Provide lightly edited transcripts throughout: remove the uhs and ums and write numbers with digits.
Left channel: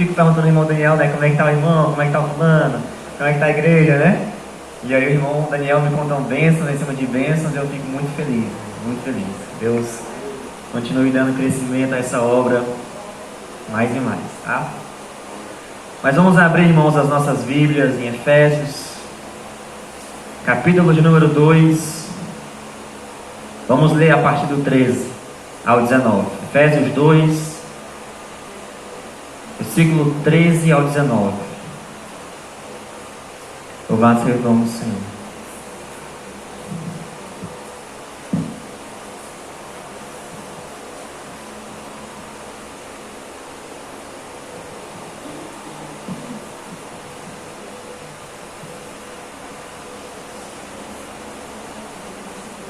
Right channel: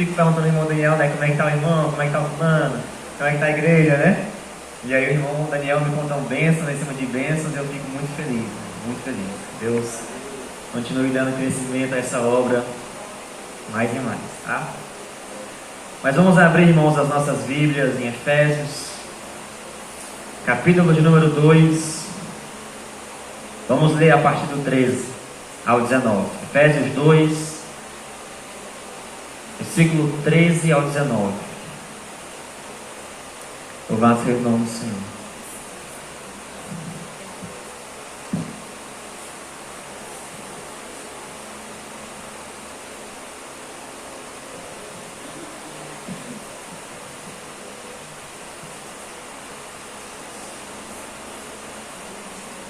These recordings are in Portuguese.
fico perguntando ao irmão Daniel, né, como é que tá o irmão, como é que tá o fulano, como é que tá a igreja, né? E aí o irmão Daniel me contou bênçãos em cima de bênçãos, e eu fico muito feliz, muito feliz. Deus continue dando crescimento a essa obra mais e mais, tá? Mas vamos abrir, irmãos, as nossas Bíblias em Efésios, capítulo de número 2. Vamos ler a partir do 13 ao 19. Efésios 2, versículo 13 ao 19. Louvado seja o nome do Senhor.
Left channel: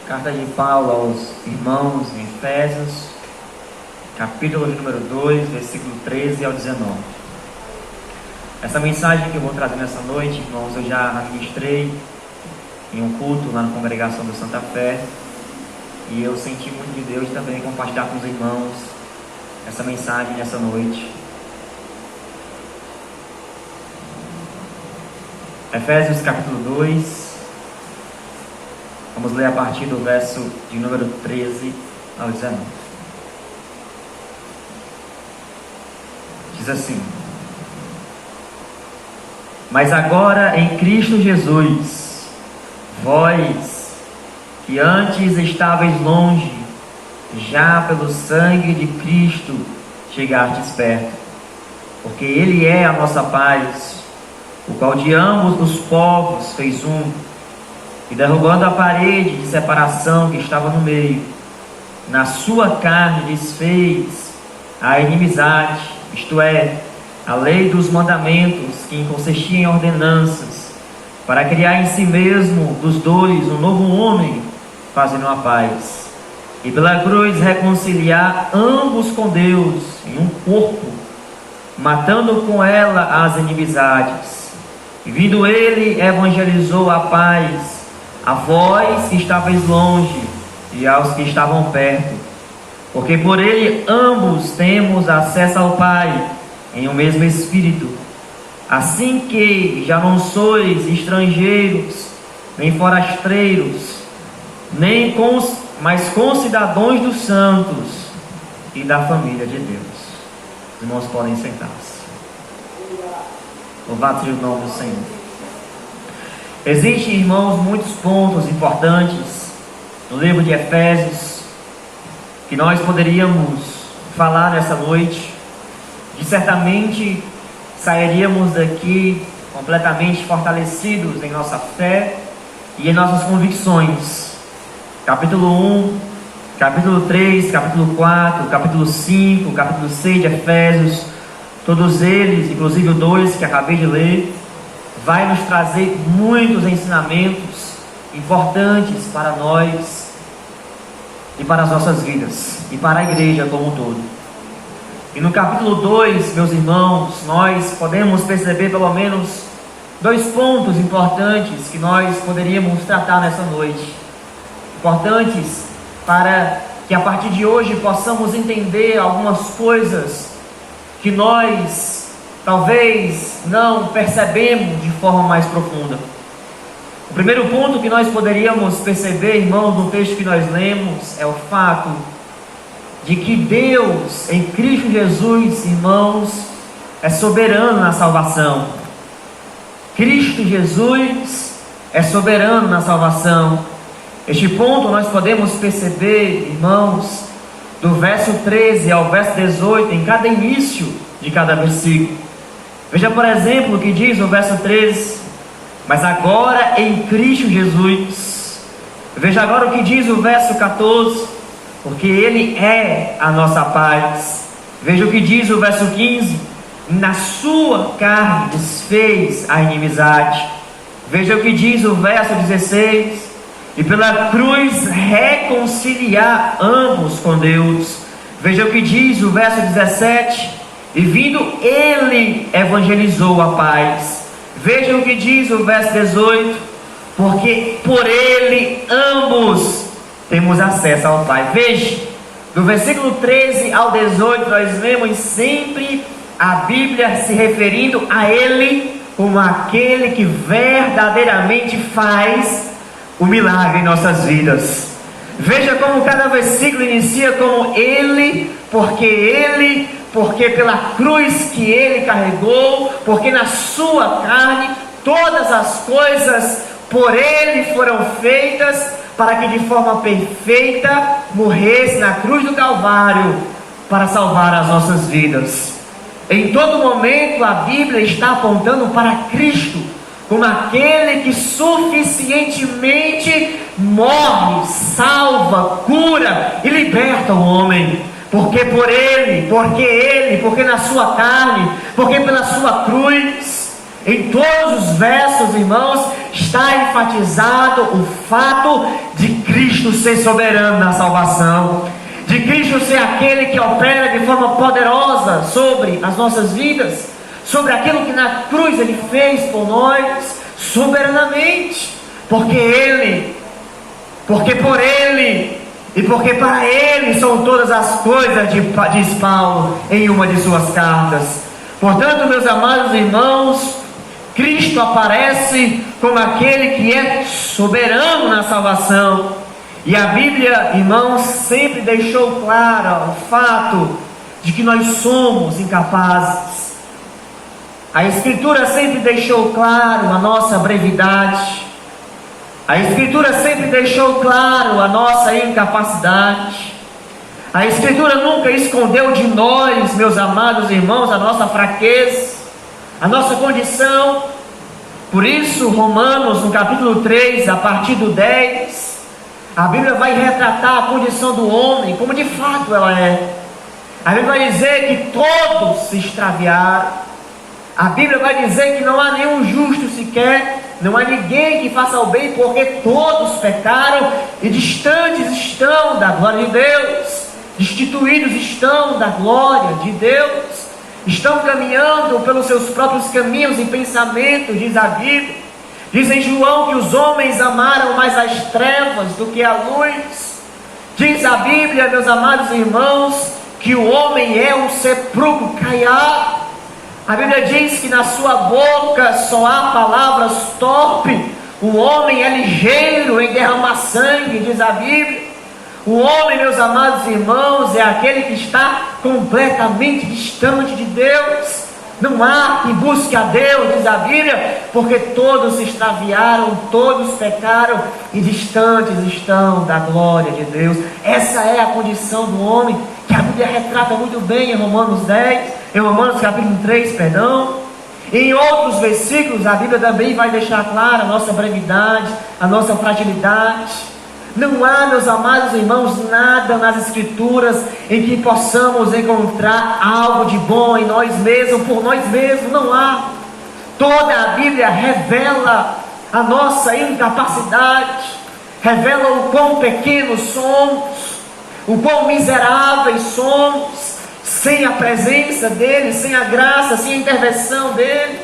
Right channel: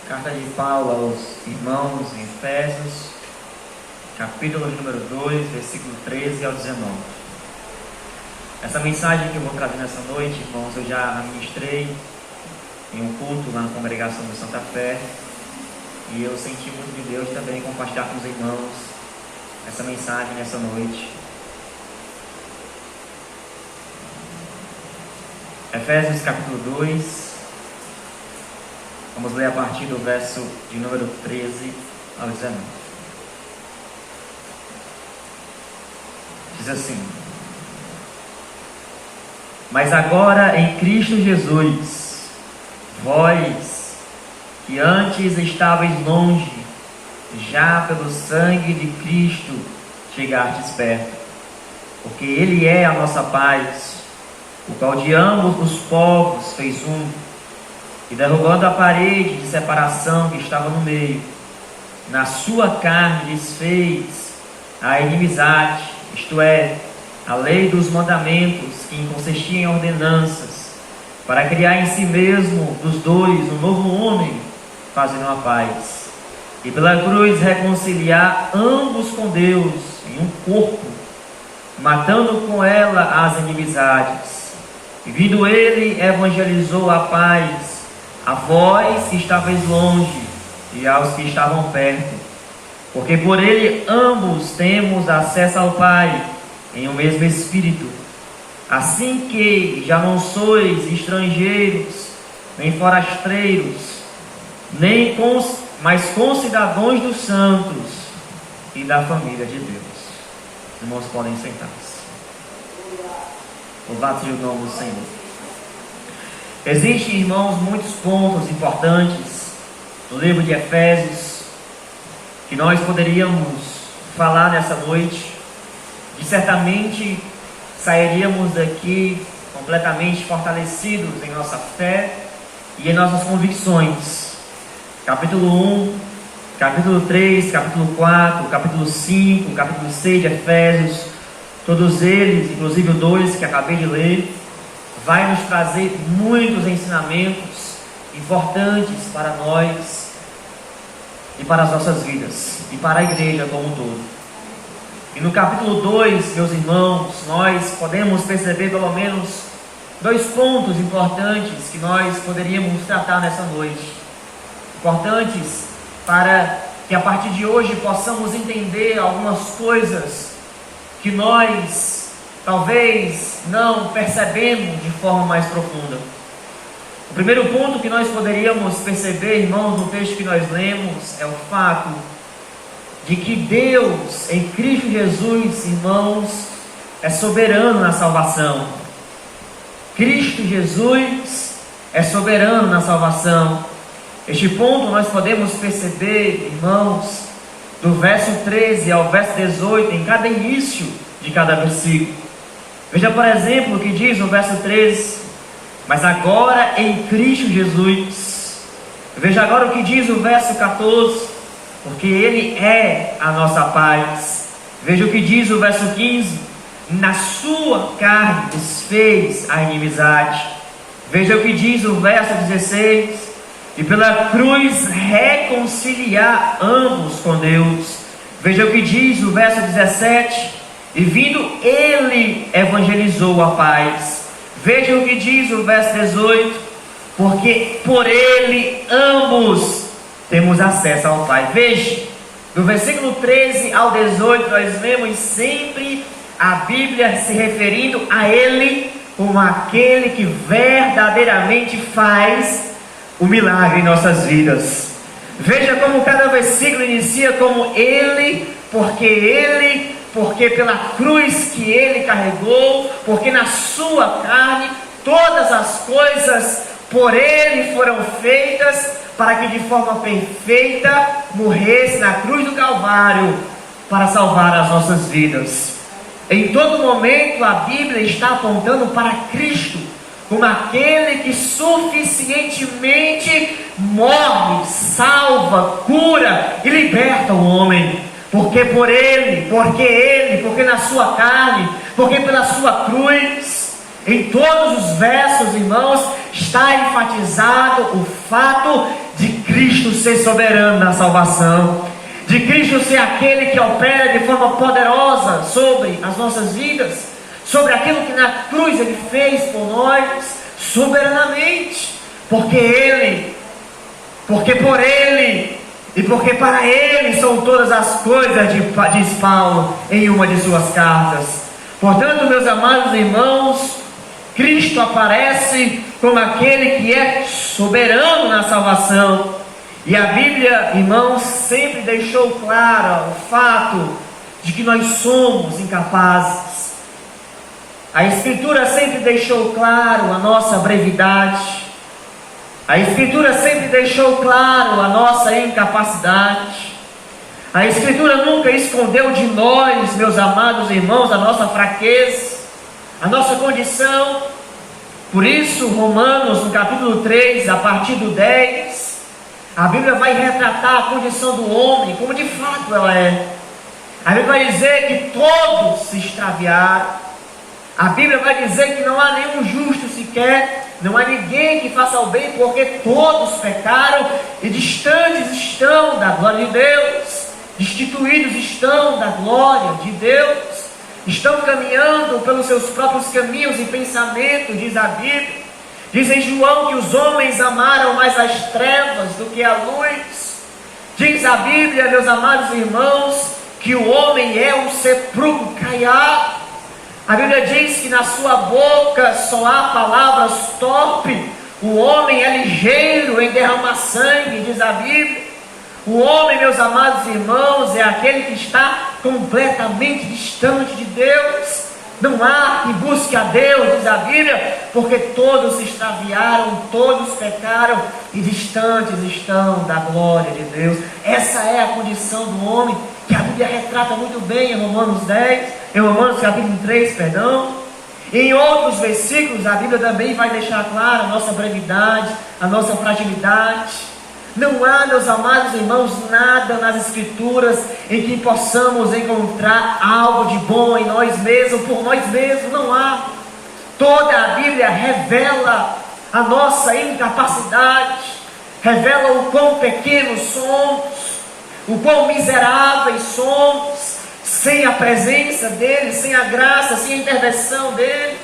Carta de Paulo aos irmãos em Efésios, capítulo de número 2, versículo 13 ao 19. Essa mensagem que eu vou trazer nessa noite, irmãos, eu já ministrei em um culto lá na congregação do Santa Fé, e eu senti muito de Deus também compartilhar com os irmãos essa mensagem nessa noite. Efésios capítulo 2, vamos ler a partir do verso de número 13 ao 19. Diz assim: Mas agora em Cristo Jesus, vós que antes estáveis longe, já pelo sangue de Cristo chegastes perto, porque Ele é a nossa paz, o qual de ambos os povos fez um, e derrubando a parede de separação que estava no meio, na sua carne desfez a inimizade, isto é, a lei dos mandamentos, que consistia em ordenanças, para criar em si mesmo dos dois um novo homem, fazendo a paz, e pela cruz reconciliar ambos com Deus em um corpo, matando com ela as inimizades. E vindo ele, evangelizou a paz a vós que estáveis longe e aos que estavam perto, porque por ele ambos temos acesso ao Pai em um mesmo Espírito. Assim que já não sois estrangeiros, nem forasteiros, mas concidadãos dos santos e da família de Deus. Os irmãos podem sentar-se. Louvado seja o nome do Senhor. Existem, irmãos, muitos pontos importantes no livro de Efésios que nós poderíamos falar nessa noite, e certamente sairíamos daqui completamente fortalecidos em nossa fé e em nossas convicções. Capítulo 1, capítulo 3, capítulo 4, capítulo 5, capítulo 6 de Efésios, todos eles, inclusive o 2 que acabei de ler, vai nos trazer muitos ensinamentos importantes para nós e para as nossas vidas e para a igreja como um todo. E no capítulo 2, meus irmãos, nós podemos perceber pelo menos 2 pontos importantes que nós poderíamos tratar nessa noite, importantes para que a partir de hoje possamos entender algumas coisas que nós talvez não percebemos de forma mais profunda. O primeiro ponto que nós poderíamos perceber, irmãos, no texto que nós lemos, é o fato de que Deus, em Cristo Jesus, irmãos, é soberano na salvação. Cristo Jesus é soberano na salvação. Este ponto nós podemos perceber, irmãos, do verso 13 ao verso 18, em cada início de cada versículo. Veja, por exemplo, o que diz no verso 13: Mas agora em Cristo Jesus. Veja agora o que diz o verso 14: Porque Ele é a nossa paz. Veja o que diz o verso 15: Na sua carne desfez a inimizade. Veja o que diz o verso 16: E pela cruz reconciliar ambos com Deus. Veja o que diz o verso 17: E vindo ele evangelizou a paz. Veja o que diz o verso 18: Porque por ele ambos temos acesso ao Pai. Veja, do versículo 13 ao 18 nós vemos sempre a Bíblia se referindo a Ele como aquele que verdadeiramente faz o milagre em nossas vidas. Veja como cada versículo inicia como Ele, porque pela cruz que Ele carregou, porque na sua carne todas as coisas por Ele foram feitas, para que de forma perfeita morresse na cruz do Calvário, para salvar as nossas vidas. Em todo momento a Bíblia está apontando para Cristo, como aquele que suficientemente morre, salva, cura e liberta o homem. Porque por Ele, porque na sua carne, porque pela sua cruz. Em todos os versos, irmãos, está enfatizado o fato de Cristo ser soberano na salvação, de Cristo ser aquele que opera de forma poderosa sobre as nossas vidas, sobre aquilo que na cruz Ele fez por nós, soberanamente, porque por Ele e porque para Ele são todas as coisas, diz Paulo em uma de suas cartas. Portanto, meus amados irmãos, Cristo aparece como aquele que é soberano na salvação. E a Bíblia, irmãos, sempre deixou claro o fato de que nós somos incapazes. A Escritura sempre deixou claro a nossa brevidade. A Escritura sempre deixou claro a nossa incapacidade. A Escritura nunca escondeu de nós, meus amados irmãos, a nossa fraqueza, a nossa condição. Por isso, Romanos, no capítulo 3, a partir do 10, a Bíblia vai retratar a condição do homem, como de fato ela é. A Bíblia vai dizer que todos se extraviaram. A Bíblia vai dizer que não há nenhum justo sequer, não há ninguém que faça o bem, porque todos pecaram e distantes estão da glória de Deus, destituídos estão da glória de Deus, estão caminhando pelos seus próprios caminhos e pensamentos, diz a Bíblia. Diz em João que os homens amaram mais as trevas do que a luz. Diz a Bíblia, meus amados irmãos, que o homem é um sepulcro caiado. A Bíblia diz que na sua boca só há palavras torpes. O homem é ligeiro em derramar sangue, diz a Bíblia. O homem, meus amados irmãos, é aquele que está completamente distante de Deus. Não há que busque a Deus, diz a Bíblia, porque todos se extraviaram, todos pecaram e distantes estão da glória de Deus. Essa é a condição do homem, que a Bíblia retrata muito bem em Romanos 10, em Romanos capítulo 3, perdão. Em outros versículos, a Bíblia também vai deixar clara a nossa brevidade, a nossa fragilidade. Não há, meus amados irmãos, nada nas Escrituras em que possamos encontrar algo de bom em nós mesmos, por nós mesmos, não há. Toda a Bíblia revela a nossa incapacidade, revela o quão pequenos somos, o quão miseráveis somos, sem a presença dEle, sem a graça, sem a intervenção dEle.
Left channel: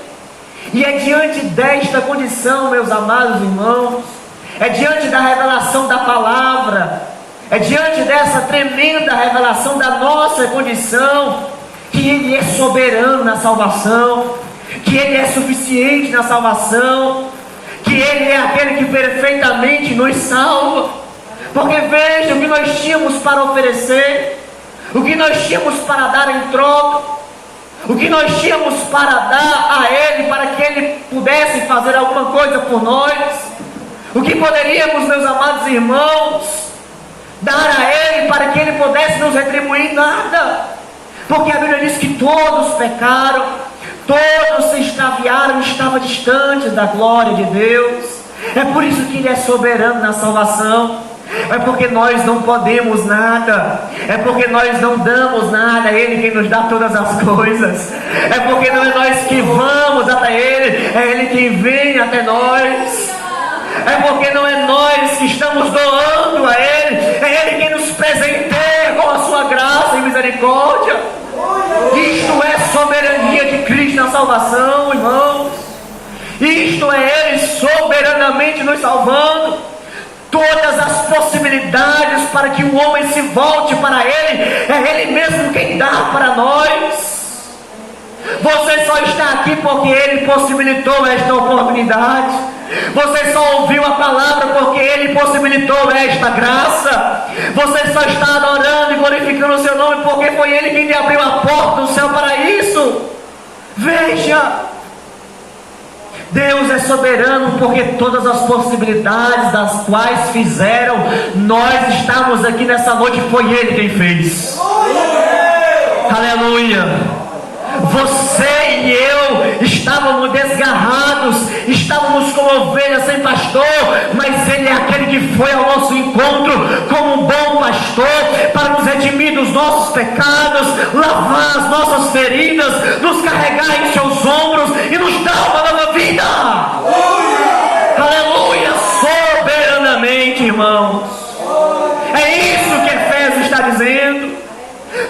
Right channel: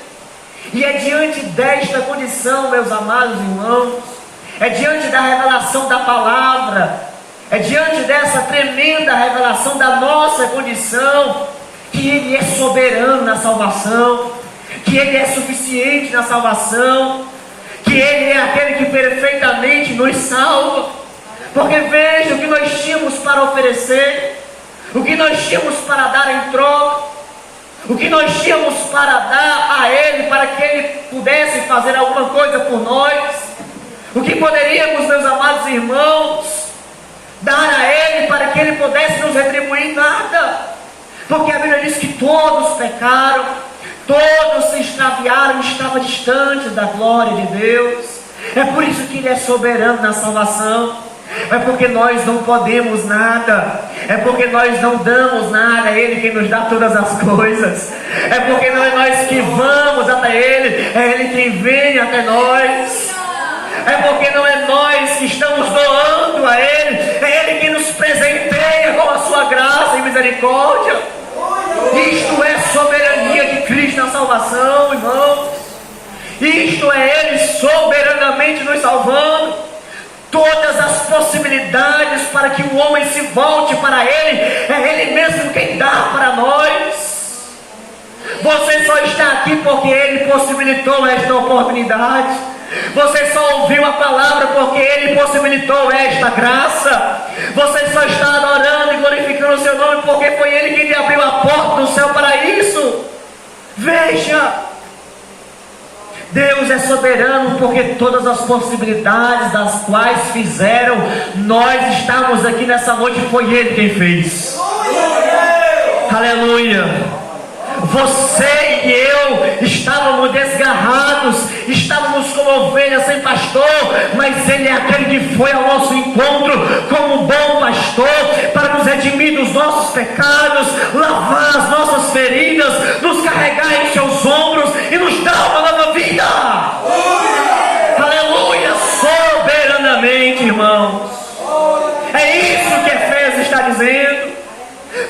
E é diante desta condição, meus amados irmãos, é diante da revelação da palavra, é diante dessa tremenda revelação da nossa condição, que Ele é soberano na salvação, que Ele é suficiente na salvação, que Ele é aquele que perfeitamente nos salva. Porque veja o que nós tínhamos para oferecer, o que nós tínhamos para dar em troca, o que nós tínhamos para dar a Ele, para que Ele pudesse fazer alguma coisa por nós. O que poderíamos, meus amados irmãos, dar a Ele para que Ele pudesse nos retribuir? Nada. Porque a Bíblia diz que todos pecaram, todos se extraviaram, estavam distantes da glória de Deus. É por isso que Ele é soberano na salvação. É porque nós não podemos nada, é porque nós não damos nada, é Ele quem nos dá todas as coisas, é porque não é nós que vamos até Ele, é Ele quem vem até nós. É porque não é nós que estamos doando a Ele, é Ele quem nos presenteia com a sua graça e misericórdia. Isto é soberania de Cristo na salvação, irmãos. Isto é Ele soberanamente nos salvando. Todas as possibilidades para que o homem se volte para Ele, é Ele mesmo quem dá para nós. Você só está aqui porque Ele possibilitou esta oportunidade. Você só ouviu a palavra porque Ele possibilitou esta graça. Você só está adorando e glorificando o seu nome porque foi Ele quem lhe abriu a porta do céu para isso. Veja, Deus é soberano porque todas as possibilidades das quais fizeram nós estarmos aqui nessa noite foi Ele quem fez. Aleluia. Você e eu estávamos desgarrados, estávamos como ovelhas sem pastor, mas Ele é aquele que foi ao nosso encontro como um bom pastor para nos redimir dos nossos pecados, lavar as nossas feridas, nos carregar em seus ombros e nos dar uma nova vida. Aleluia, soberanamente, irmãos. É isso que Efésios está dizendo.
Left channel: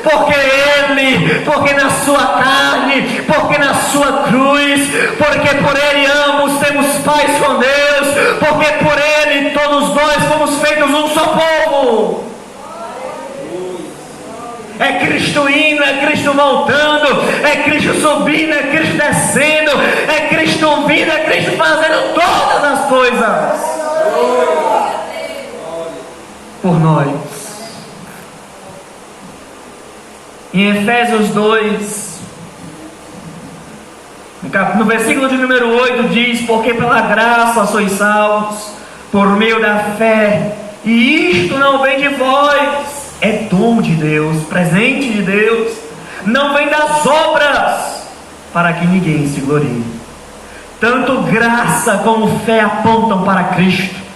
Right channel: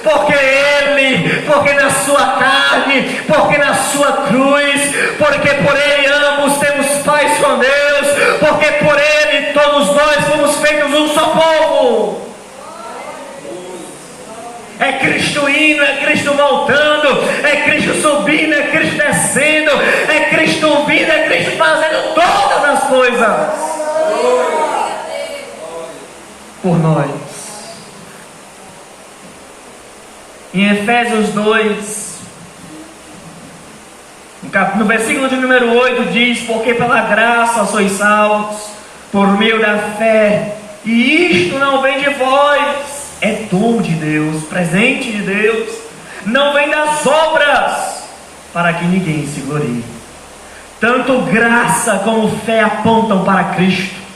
Porque na sua carne, porque na sua cruz, porque por Ele ambos temos paz com Deus, porque por Ele todos nós fomos feitos um só povo. É Cristo indo, é Cristo voltando, é Cristo subindo, é Cristo descendo, é Cristo vindo, é Cristo fazendo todas as coisas por nós. Em Efésios 2, no versículo de número 8 diz: porque pela graça sois salvos, por meio da fé, e isto não vem de vós, é dom de Deus, presente de Deus, não vem das obras, para que ninguém se glorie. Tanto graça como fé apontam para Cristo.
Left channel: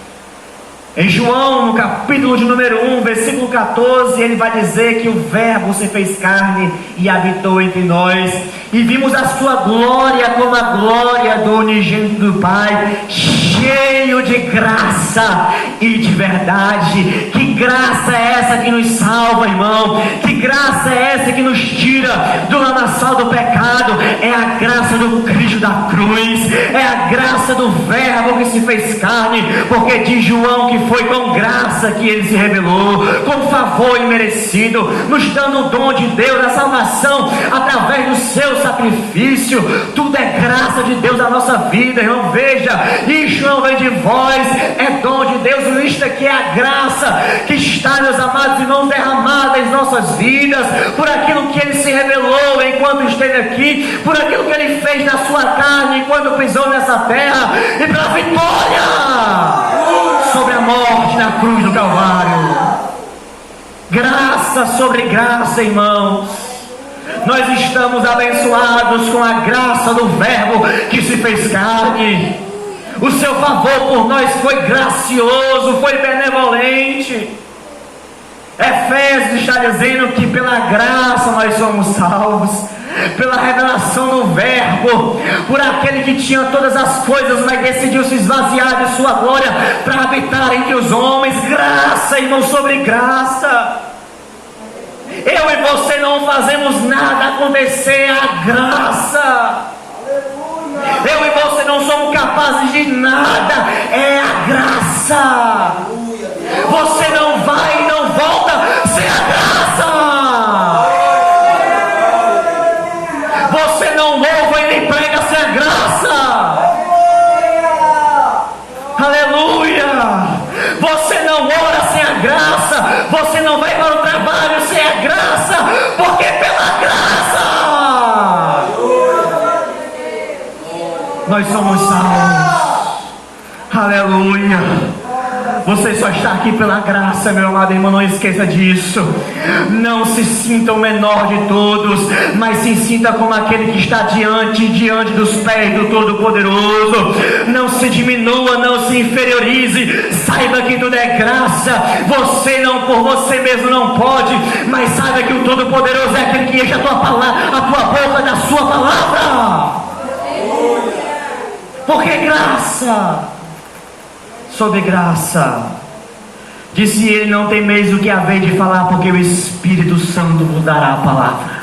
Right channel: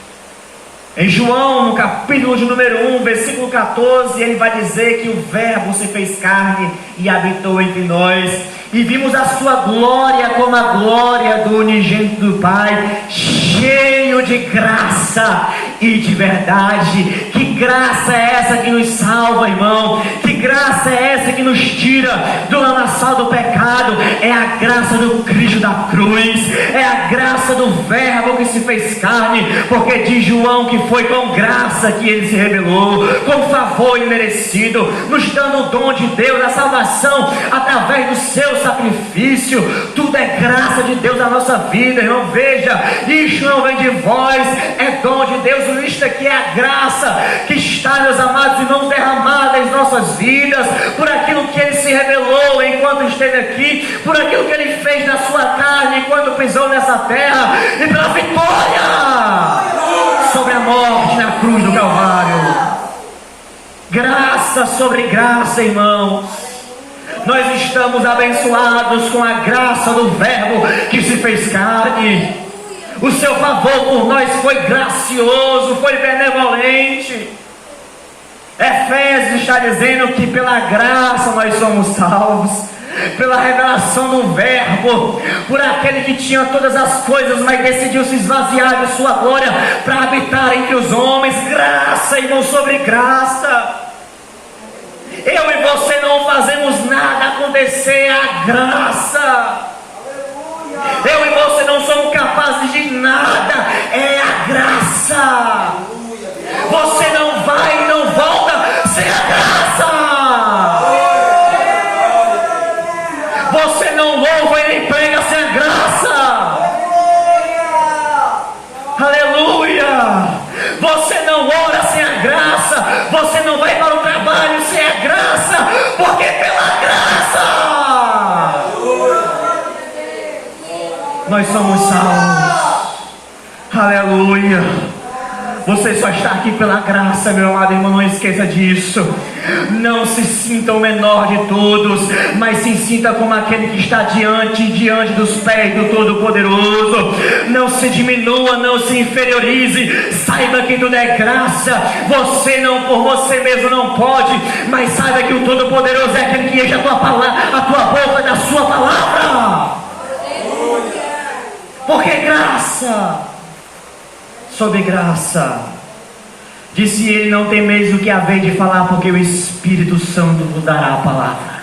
Em João, no capítulo de número 1, versículo 14, ele vai dizer que o Verbo se fez carne e habitou entre nós, e vimos a sua glória como a glória do unigênito do Pai, cheio de graça e de verdade. Que graça é essa que nos salva, irmão? Que graça é essa que nos tira do lamaçal do pecado? É a graça do Cristo da cruz, é a graça do Verbo que se fez carne, porque diz João que foi com graça que Ele se revelou, com favor imerecido, nos dando o dom de Deus, a salvação através do seu sacrifício. Tudo é graça de Deus na nossa vida, irmão. Veja, isto não vem de vós, é dom de Deus. Isto aqui é a graça que está, meus amados irmãos, derramada em nossas vidas, por aquilo que Ele se revelou enquanto esteve aqui, por aquilo que Ele fez na sua carne enquanto pisou nessa terra, e pela vitória sobre a morte na cruz do Calvário. Graça sobre graça, irmãos. Nós estamos abençoados com a graça do Verbo que se fez carne. O seu favor por nós foi gracioso, foi benevolente. Efésios está dizendo que pela graça nós somos salvos, pela revelação do Verbo, por aquele que tinha todas as coisas, mas decidiu se esvaziar de sua glória para habitar entre os homens. Graça, irmão, sobre graça. Eu e você não fazemos nada acontecer, a graça. Eu e você não somos capazes de nada, é a graça. Você não vai e não volta sem a graça. Você não louva e nem prega sem a graça. Aleluia. Você não ora sem a graça. Você não vai para o trabalho sem a graça, porque pela graça nós somos salvos. Aleluia. Você só está aqui pela graça, meu amado irmão, não esqueça disso. Não se sinta o menor de todos, mas se sinta como aquele que está diante dos pés do Todo-Poderoso. Não se diminua, não se inferiorize. Saiba que tudo é graça. Você não, por você mesmo não pode, mas saiba que o Todo-Poderoso é aquele que enche a tua boca da sua palavra. Porque graça sobre graça. Disse ele: não temeis o que haveis de falar, porque o Espírito Santo vos dará a palavra.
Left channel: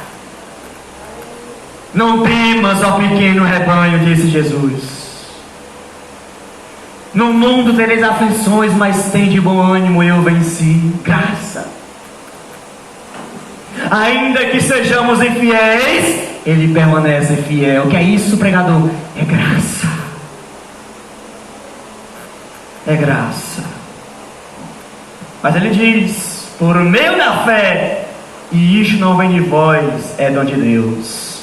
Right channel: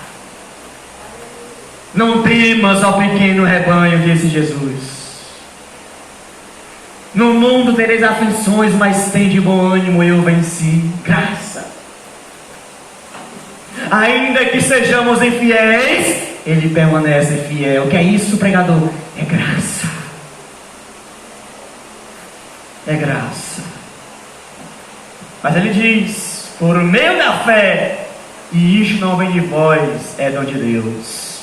Não temas, ó pequeno rebanho, disse Jesus. No mundo tereis aflições, mas tende bom ânimo, eu venci. Graça. Ainda que sejamos infiéis, Ele permanece fiel. O que é isso, pregador? É graça. É graça. Mas ele diz: por meio da fé, e isto não vem de vós, é dom de Deus.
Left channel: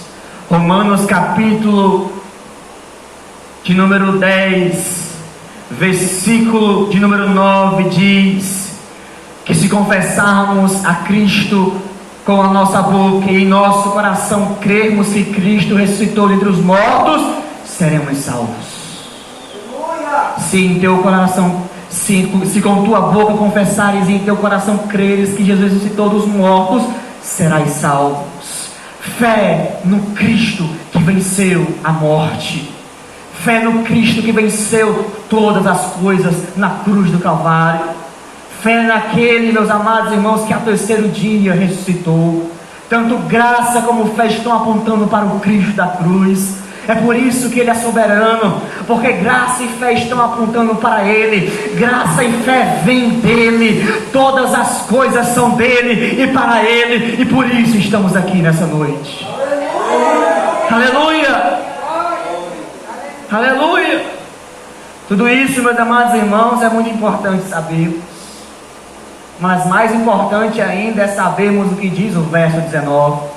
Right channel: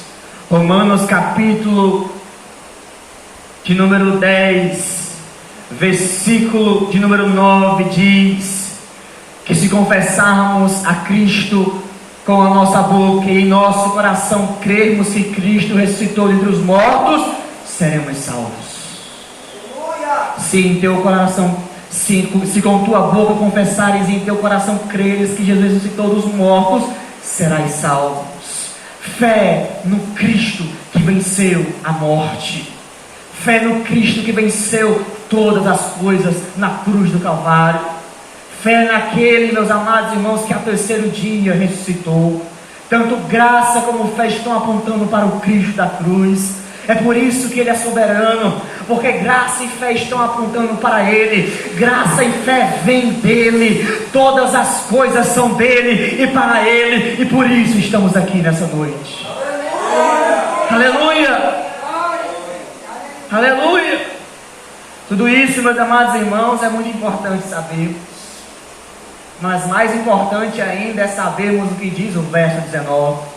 Romanos capítulo de número 10, versículo de número 9 diz que se confessarmos a Cristo com a nossa boca e em nosso coração crermos que Cristo ressuscitou dentre os mortos, seremos salvos. Se em teu coração, se com tua boca confessares e em teu coração creres que Jesus ressuscitou dos mortos, serás salvos. Fé no Cristo que venceu a morte. Fé no Cristo que venceu todas as coisas na cruz do Calvário. Fé naquele, meus amados irmãos, que ao terceiro dia ressuscitou. Tanto graça como fé estão apontando para o Cristo da cruz. É por isso que Ele é soberano, porque graça e fé estão apontando para Ele. Graça e fé vêm dEle. Todas as coisas são dEle e para Ele, e por isso estamos aqui nessa noite. Aleluia! Aleluia! Tudo isso, meus amados irmãos, é muito importante sabermos. Mas mais importante ainda é sabermos o que diz o verso 19.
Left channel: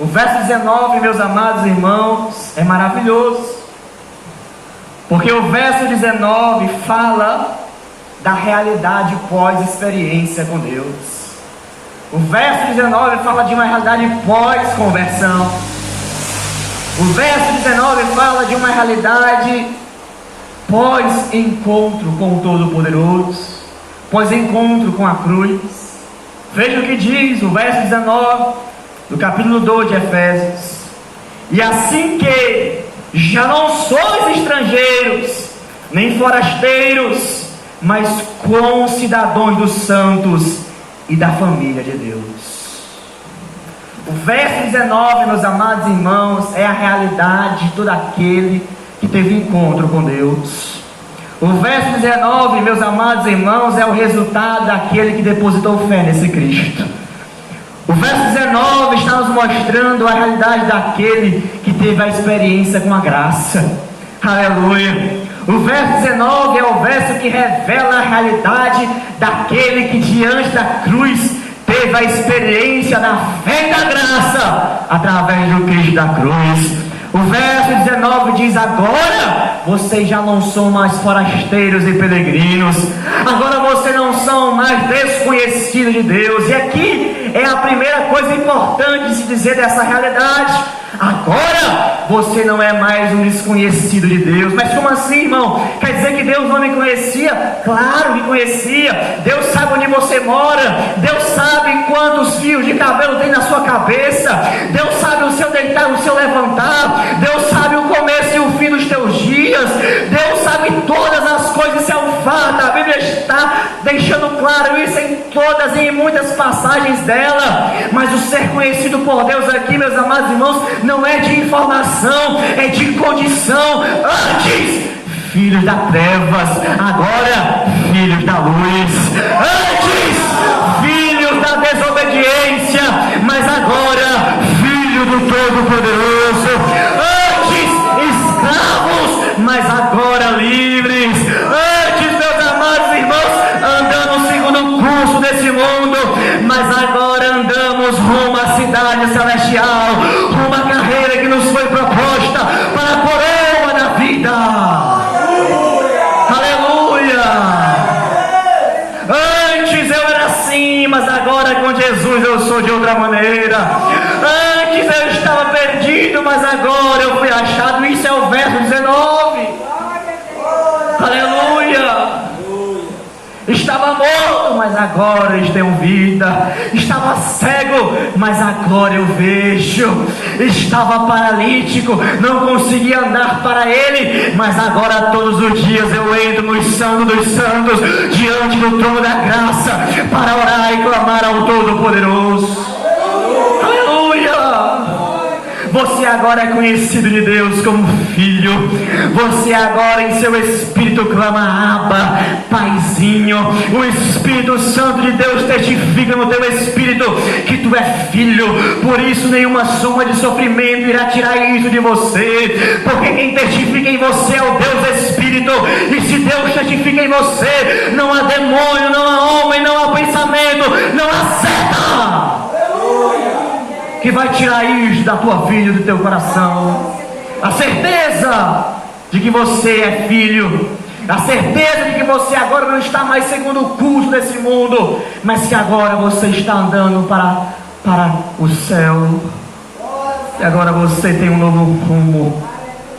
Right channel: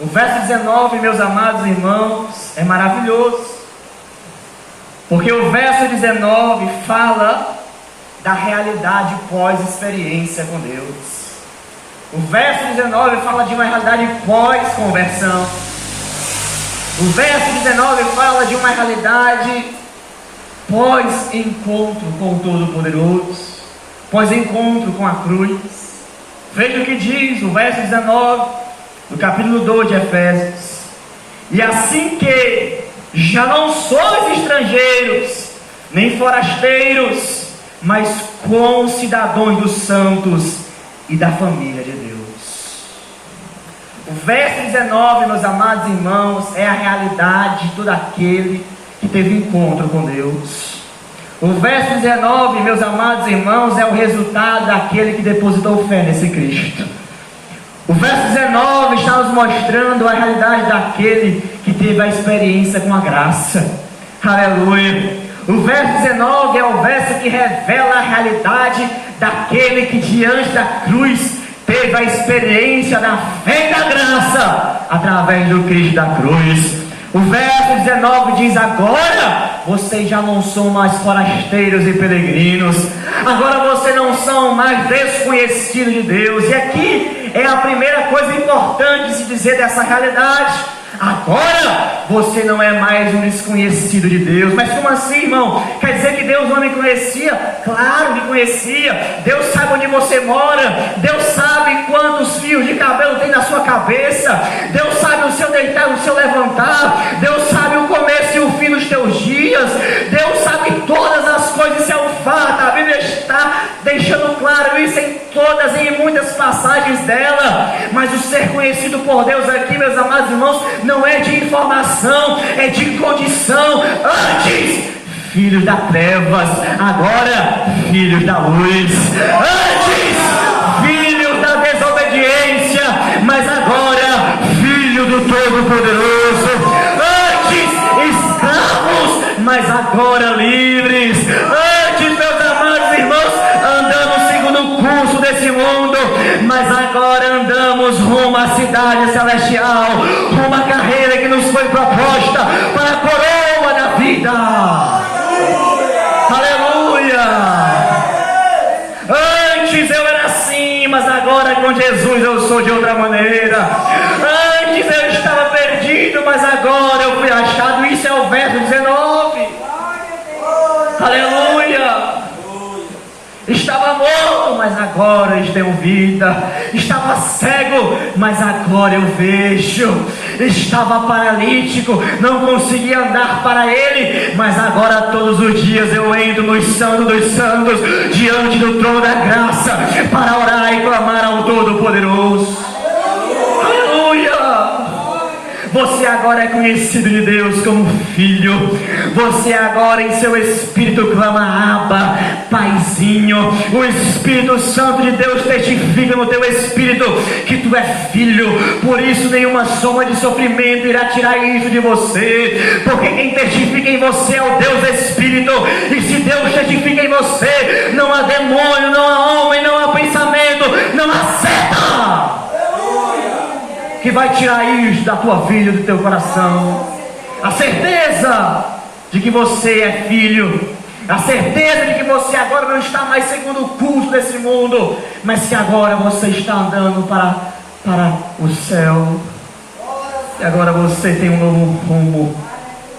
O verso 19, meus amados irmãos, é maravilhoso. Porque o verso 19 fala da realidade pós-experiência com Deus. O verso 19 fala de uma realidade pós-conversão. O verso 19 fala de uma realidade pós-encontro com o Todo-Poderoso, pós-encontro com a cruz. Veja o que diz o verso 19 do capítulo 2 de Efésios: e assim que já não sois estrangeiros, nem forasteiros, mas concidadãos dos santos e da família de Deus. O verso 19, meus amados irmãos, é a realidade de todo aquele que teve encontro com Deus. O verso 19, meus amados irmãos, é o resultado daquele que depositou fé nesse Cristo. O verso 19 está nos mostrando a realidade daquele que teve a experiência com a graça. Aleluia. O verso 19 é o verso que revela a realidade daquele que diante da cruz teve a experiência da fé e da graça através do Cristo da cruz. O verso 19 diz: agora vocês já não são mais forasteiros e peregrinos, agora vocês não são mais desconhecidos de Deus. E aqui é a primeira coisa importante de se dizer dessa realidade: agora você não é mais um desconhecido de Deus. Mas como assim, irmão? Quer dizer que Deus não me conhecia? Claro que conhecia. Deus sabe onde você mora, Deus sabe quantos fios de cabelo tem na sua cabeça, Deus sabe o seu deitar, o seu levantar, Deus sabe o começo e o fim dos teus dias, Deus sabe todas as coisas. Isso é um fato. A Bíblia está deixando claro isso em todas e em muitas passagens dela. Mas o ser conhecido por Deus aqui, meus amados irmãos, não é de informação, é de condição. Antes, filhos das trevas, agora filhos da luz. Antes, filhos da desobediência, mas agora filho do Todo-Poderoso. Antes, escravos, mas agora livres. Antes, meus amados irmãos, andamos segundo o curso desse mundo, mas agora andamos rumo à cidade celestial, rumo à carreira que nos foi proposta para a coroa da vida. Aleluia! Antes eu era assim, mas agora com Jesus eu sou de outra maneira. Antes eu estava perdido, mas agora eu fui achado. Isso é o verso 19. Aleluia! Estava morto, mas agora eles têm vida. Estava cego, mas agora eu vejo. Estava paralítico, não conseguia andar para Ele, mas agora todos os dias eu entro no Santo dos Santos, diante do trono da graça, para orar e clamar ao Todo-Poderoso. Aleluia! Você agora é conhecido de Deus como filho. Você agora em seu espírito clama: Abba, Paizinho. O Espírito Santo de Deus testifica no teu espírito que tu é filho. Por isso nenhuma soma de sofrimento irá tirar isso de você, porque quem testifica em você é o Deus Espírito. E se Deus testifica em você, não há demônio, não há homem, não há pensamento, não há seta que vai tirar isso da tua vida, do teu coração. A certeza de que você é filho, a certeza de que você agora não está mais segundo o curso desse mundo, mas que agora você está andando para o céu. E agora você tem um novo rumo,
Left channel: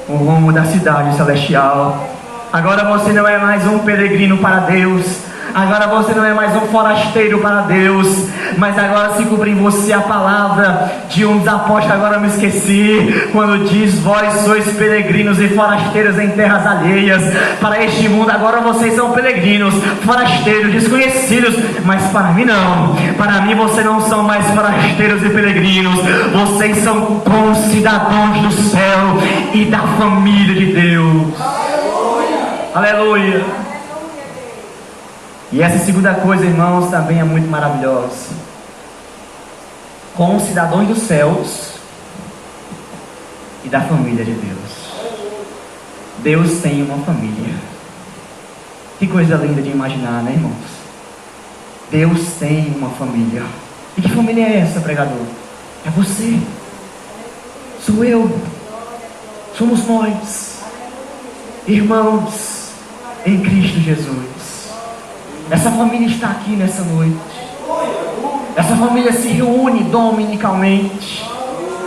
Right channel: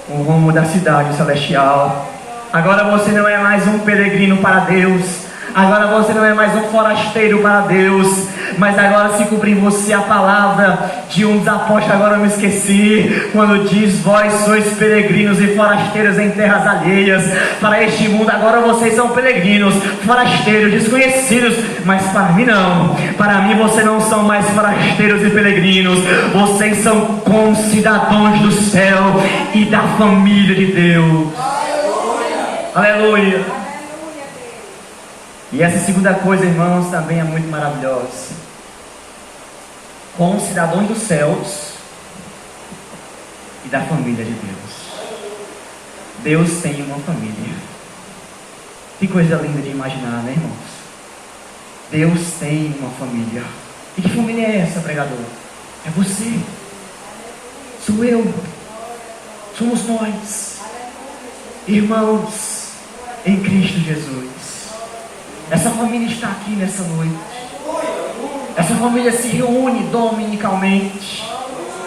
o rumo da cidade celestial. Agora você não é mais um peregrino para Deus. Agora você não é mais um forasteiro para Deus, mas agora se cumpre em você a palavra de um dos apóstolos, agora eu me esqueci, quando diz: vós sois peregrinos e forasteiros em terras alheias. Para este mundo agora vocês são peregrinos, forasteiros, desconhecidos, mas para mim não. Para mim vocês não são mais forasteiros e peregrinos, vocês são concidadãos do céu e da família de Deus. Aleluia. E essa segunda coisa, irmãos, também é muito maravilhosa. Como cidadãos dos céus e da família de Deus. Deus tem uma família. Que coisa linda de imaginar, né, irmãos? Deus tem uma família. E que família é essa, pregador? É você. Sou eu. Somos nós, irmãos em Cristo Jesus. Essa família está aqui nessa noite. Essa família se reúne dominicalmente,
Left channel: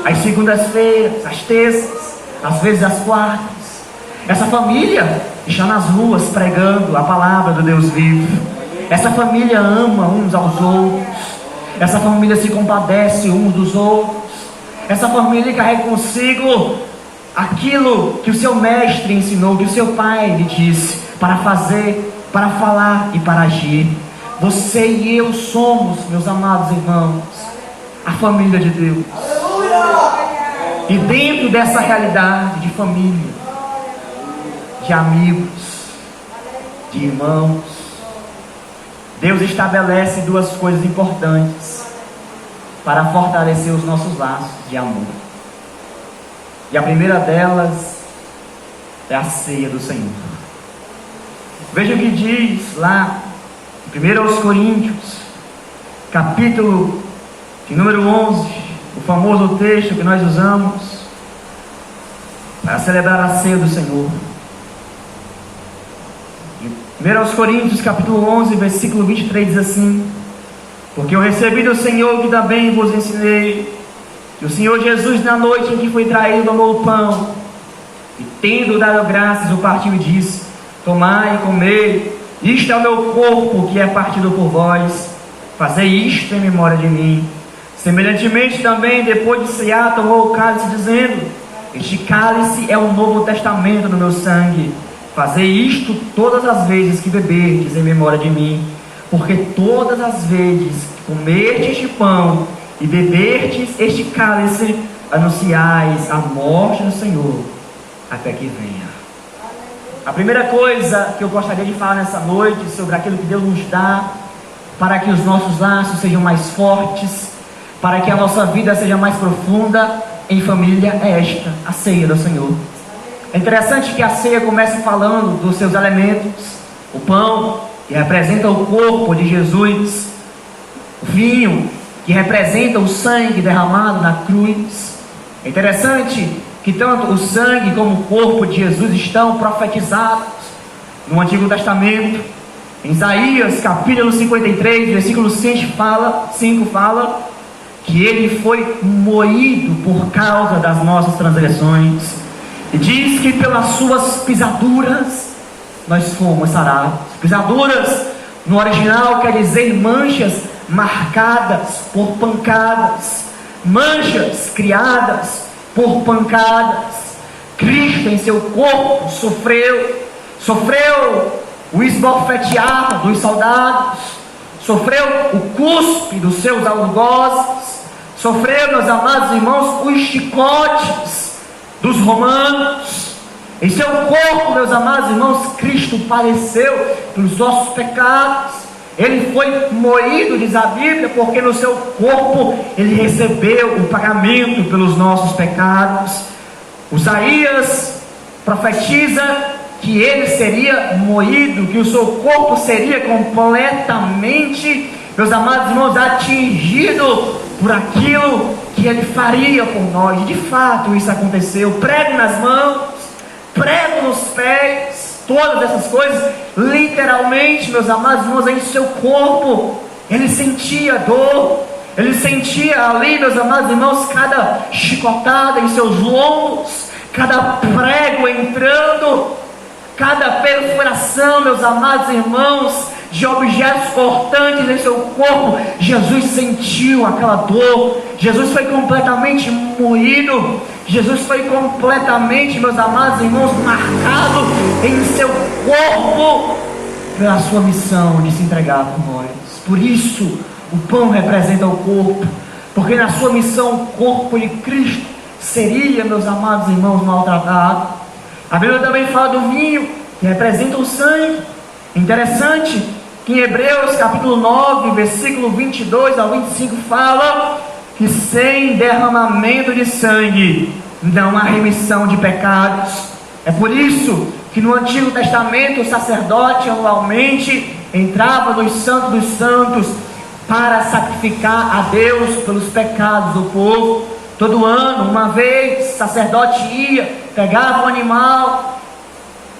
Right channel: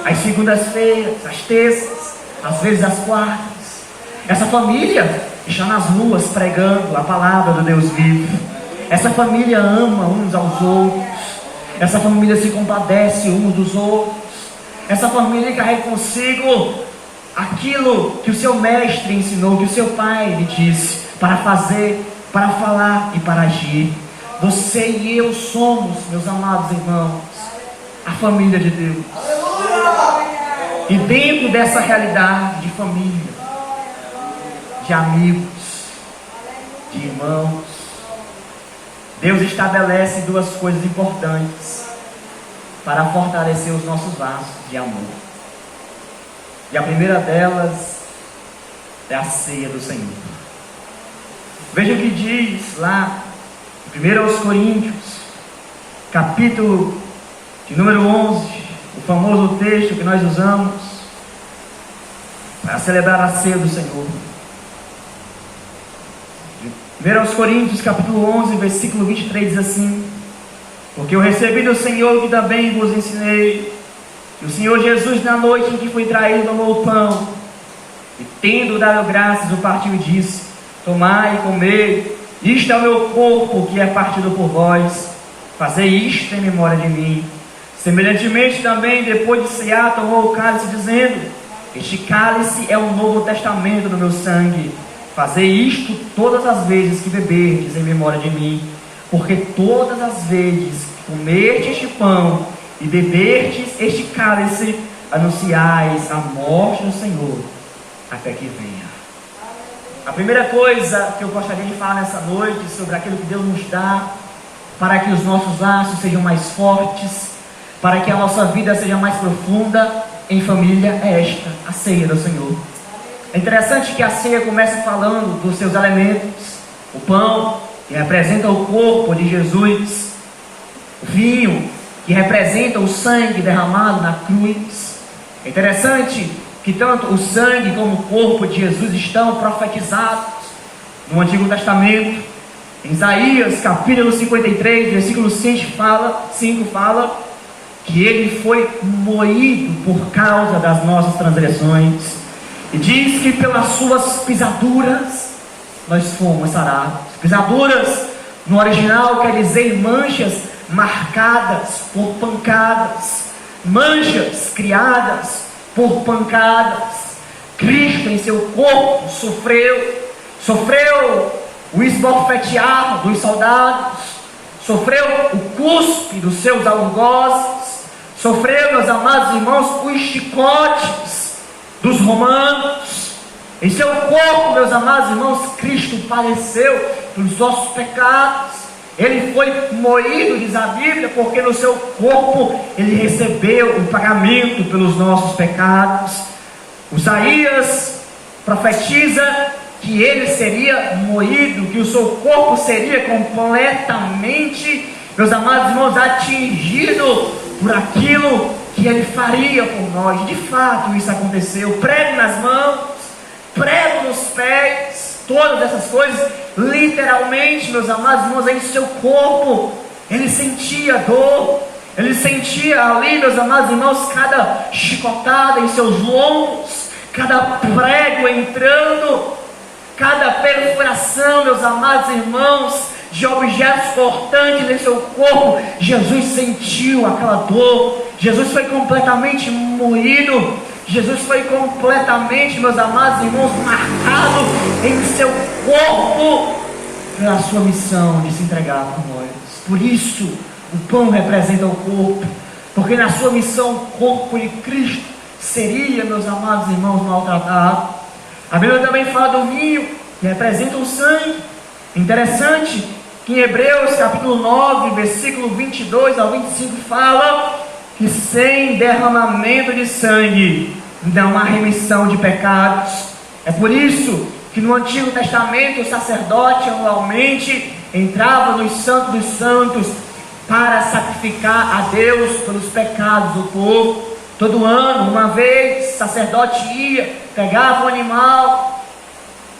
às segundas-feiras, às terças, às vezes às quartas. Essa família está nas ruas pregando a palavra do Deus vivo. Essa família ama uns aos outros. Essa família se compadece uns dos outros. Essa família carrega consigo aquilo que o seu mestre ensinou, que o seu pai lhe disse para fazer, para falar e para agir. Você e eu somos, meus amados irmãos, a família de Deus. E dentro dessa realidade de família, de amigos, de irmãos, Deus estabelece duas coisas importantes para fortalecer os nossos laços de amor. E a primeira delas é a ceia do Senhor. Veja o que diz lá em 1 Coríntios, capítulo número 11, o famoso texto que nós usamos para celebrar a ceia do Senhor. 1 Coríntios, capítulo 11, versículo 23 diz assim: porque eu recebi do Senhor que também vos ensinei, que o Senhor Jesus, na noite em que foi traído, tomou o pão, e tendo dado graças, o partiu e disse: tomai e comei, isto é o meu corpo que é partido por vós, fazei isto em memória de mim. Semelhantemente também, depois de cear, tomou o cálice, dizendo: este cálice é o novo testamento do meu sangue, fazei isto todas as vezes que beberdes em memória de mim. Porque todas as vezes que comerdes este pão e beberdes este cálice, anunciais a morte do Senhor até que venha. A primeira coisa que eu gostaria de falar nessa noite sobre aquilo que Deus nos dá para que os nossos laços sejam mais fortes, para que a nossa vida seja mais profunda em família, é esta: a ceia do Senhor. É interessante que a ceia começa falando dos seus elementos: o pão, que representa o corpo de Jesus; o vinho, que representa o sangue derramado na cruz. É interessante que tanto o sangue como o corpo de Jesus estão profetizados no Antigo Testamento. Em Isaías capítulo 53, versículo 5 fala que ele foi moído por causa das nossas transgressões, e diz que pelas suas pisaduras nós fomos sarados. Pisaduras no original quer dizer manchas marcadas por pancadas, manchas criadas por pancadas. Cristo em seu corpo sofreu o esbofetear dos soldados, sofreu o cuspe dos seus algozes, sofreu, meus amados irmãos, os chicotes dos romanos. Em seu corpo, meus amados irmãos, Cristo padeceu pelos nossos pecados. Ele foi moído, diz a Bíblia, porque no seu corpo ele recebeu o pagamento pelos nossos pecados. Isaías profetiza que ele seria moído, que o seu corpo seria completamente, meus amados irmãos, atingido por aquilo que ele faria por nós. De fato isso aconteceu. Prego nas mãos, prego nos pés, todas essas coisas, literalmente, meus amados irmãos, em seu corpo ele sentia dor, ele sentia ali, meus amados irmãos, cada chicotada em seus lombos, cada prego entrando, cada perfuração, meus amados irmãos, de objetos cortantes em seu corpo. Jesus sentiu aquela dor. Jesus foi completamente moído. Jesus foi completamente, meus amados irmãos, marcado em seu corpo pela sua missão de se entregar por nós. Por isso o pão representa o corpo, porque na sua missão o corpo de Cristo seria, meus amados irmãos, maltratado. A Bíblia também fala do vinho, que representa o sangue. Interessante que em Hebreus capítulo 9, versículo 22 ao 25 fala que sem derramamento de sangue não há remissão de pecados. É por isso que no Antigo Testamento o sacerdote anualmente entrava no Santo dos Santos para sacrificar a Deus pelos pecados do povo. Todo ano, uma vez, o sacerdote ia, pegava o animal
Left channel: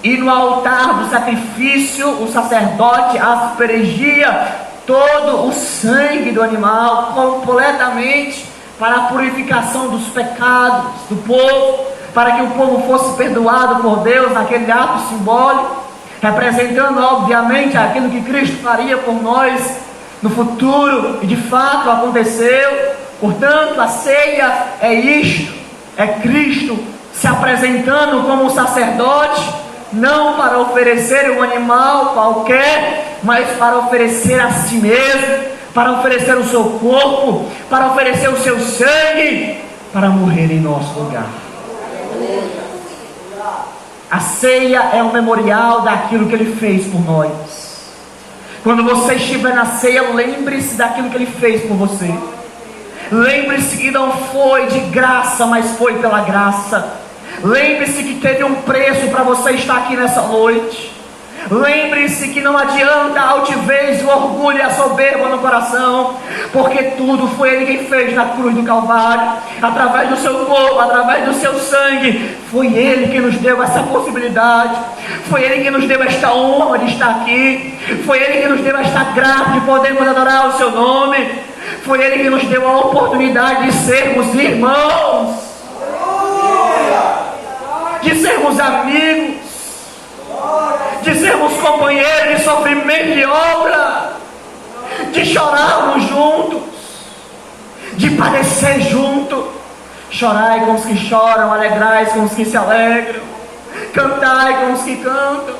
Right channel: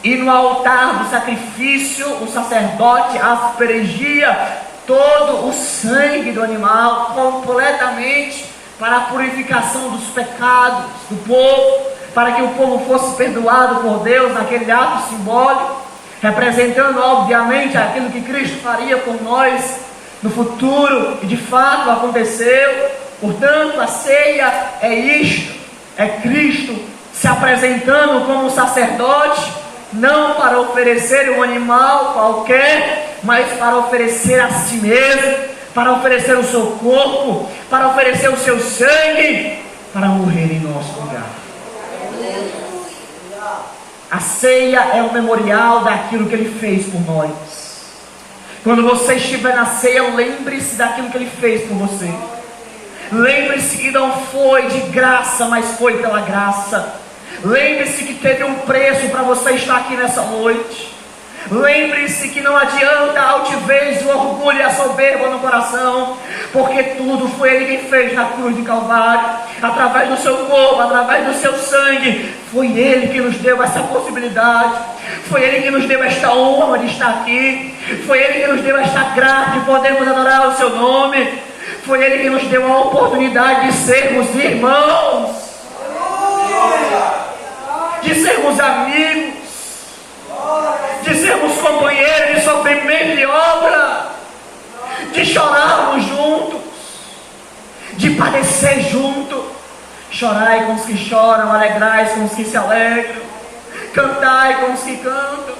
e no altar do sacrifício o sacerdote aspergia todo o sangue do animal completamente para a purificação dos pecados do povo, para que o povo fosse perdoado por Deus naquele ato simbólico, representando obviamente aquilo que Cristo faria por nós no futuro, e de fato aconteceu. Portanto, a ceia é isto, é Cristo se apresentando como sacerdote, não para oferecer um animal qualquer, mas para oferecer a si mesmo, para oferecer o seu corpo, para oferecer o seu sangue, para morrer em nosso lugar. A ceia é um memorial daquilo que Ele fez por nós. Quando você estiver na ceia, lembre-se daquilo que Ele fez por você. Lembre-se que não foi de graça, mas foi pela graça. Lembre-se que teve um preço para você estar aqui nessa noite. Lembre-se que não adianta a altivez, o orgulho e a soberba no coração, porque tudo foi Ele quem fez na cruz do Calvário, através do seu corpo, através do seu sangue. Foi Ele que nos deu essa possibilidade, foi Ele que nos deu esta honra de estar aqui, foi Ele que nos deu esta graça de podermos adorar o seu nome, foi Ele que nos deu a oportunidade de sermos irmãos, de sermos amigos, de sermos companheiros de sofrimento e obra, de chorarmos juntos, de padecer juntos. Chorai com os que choram, alegrai com os que se alegram, cantai com os que cantam.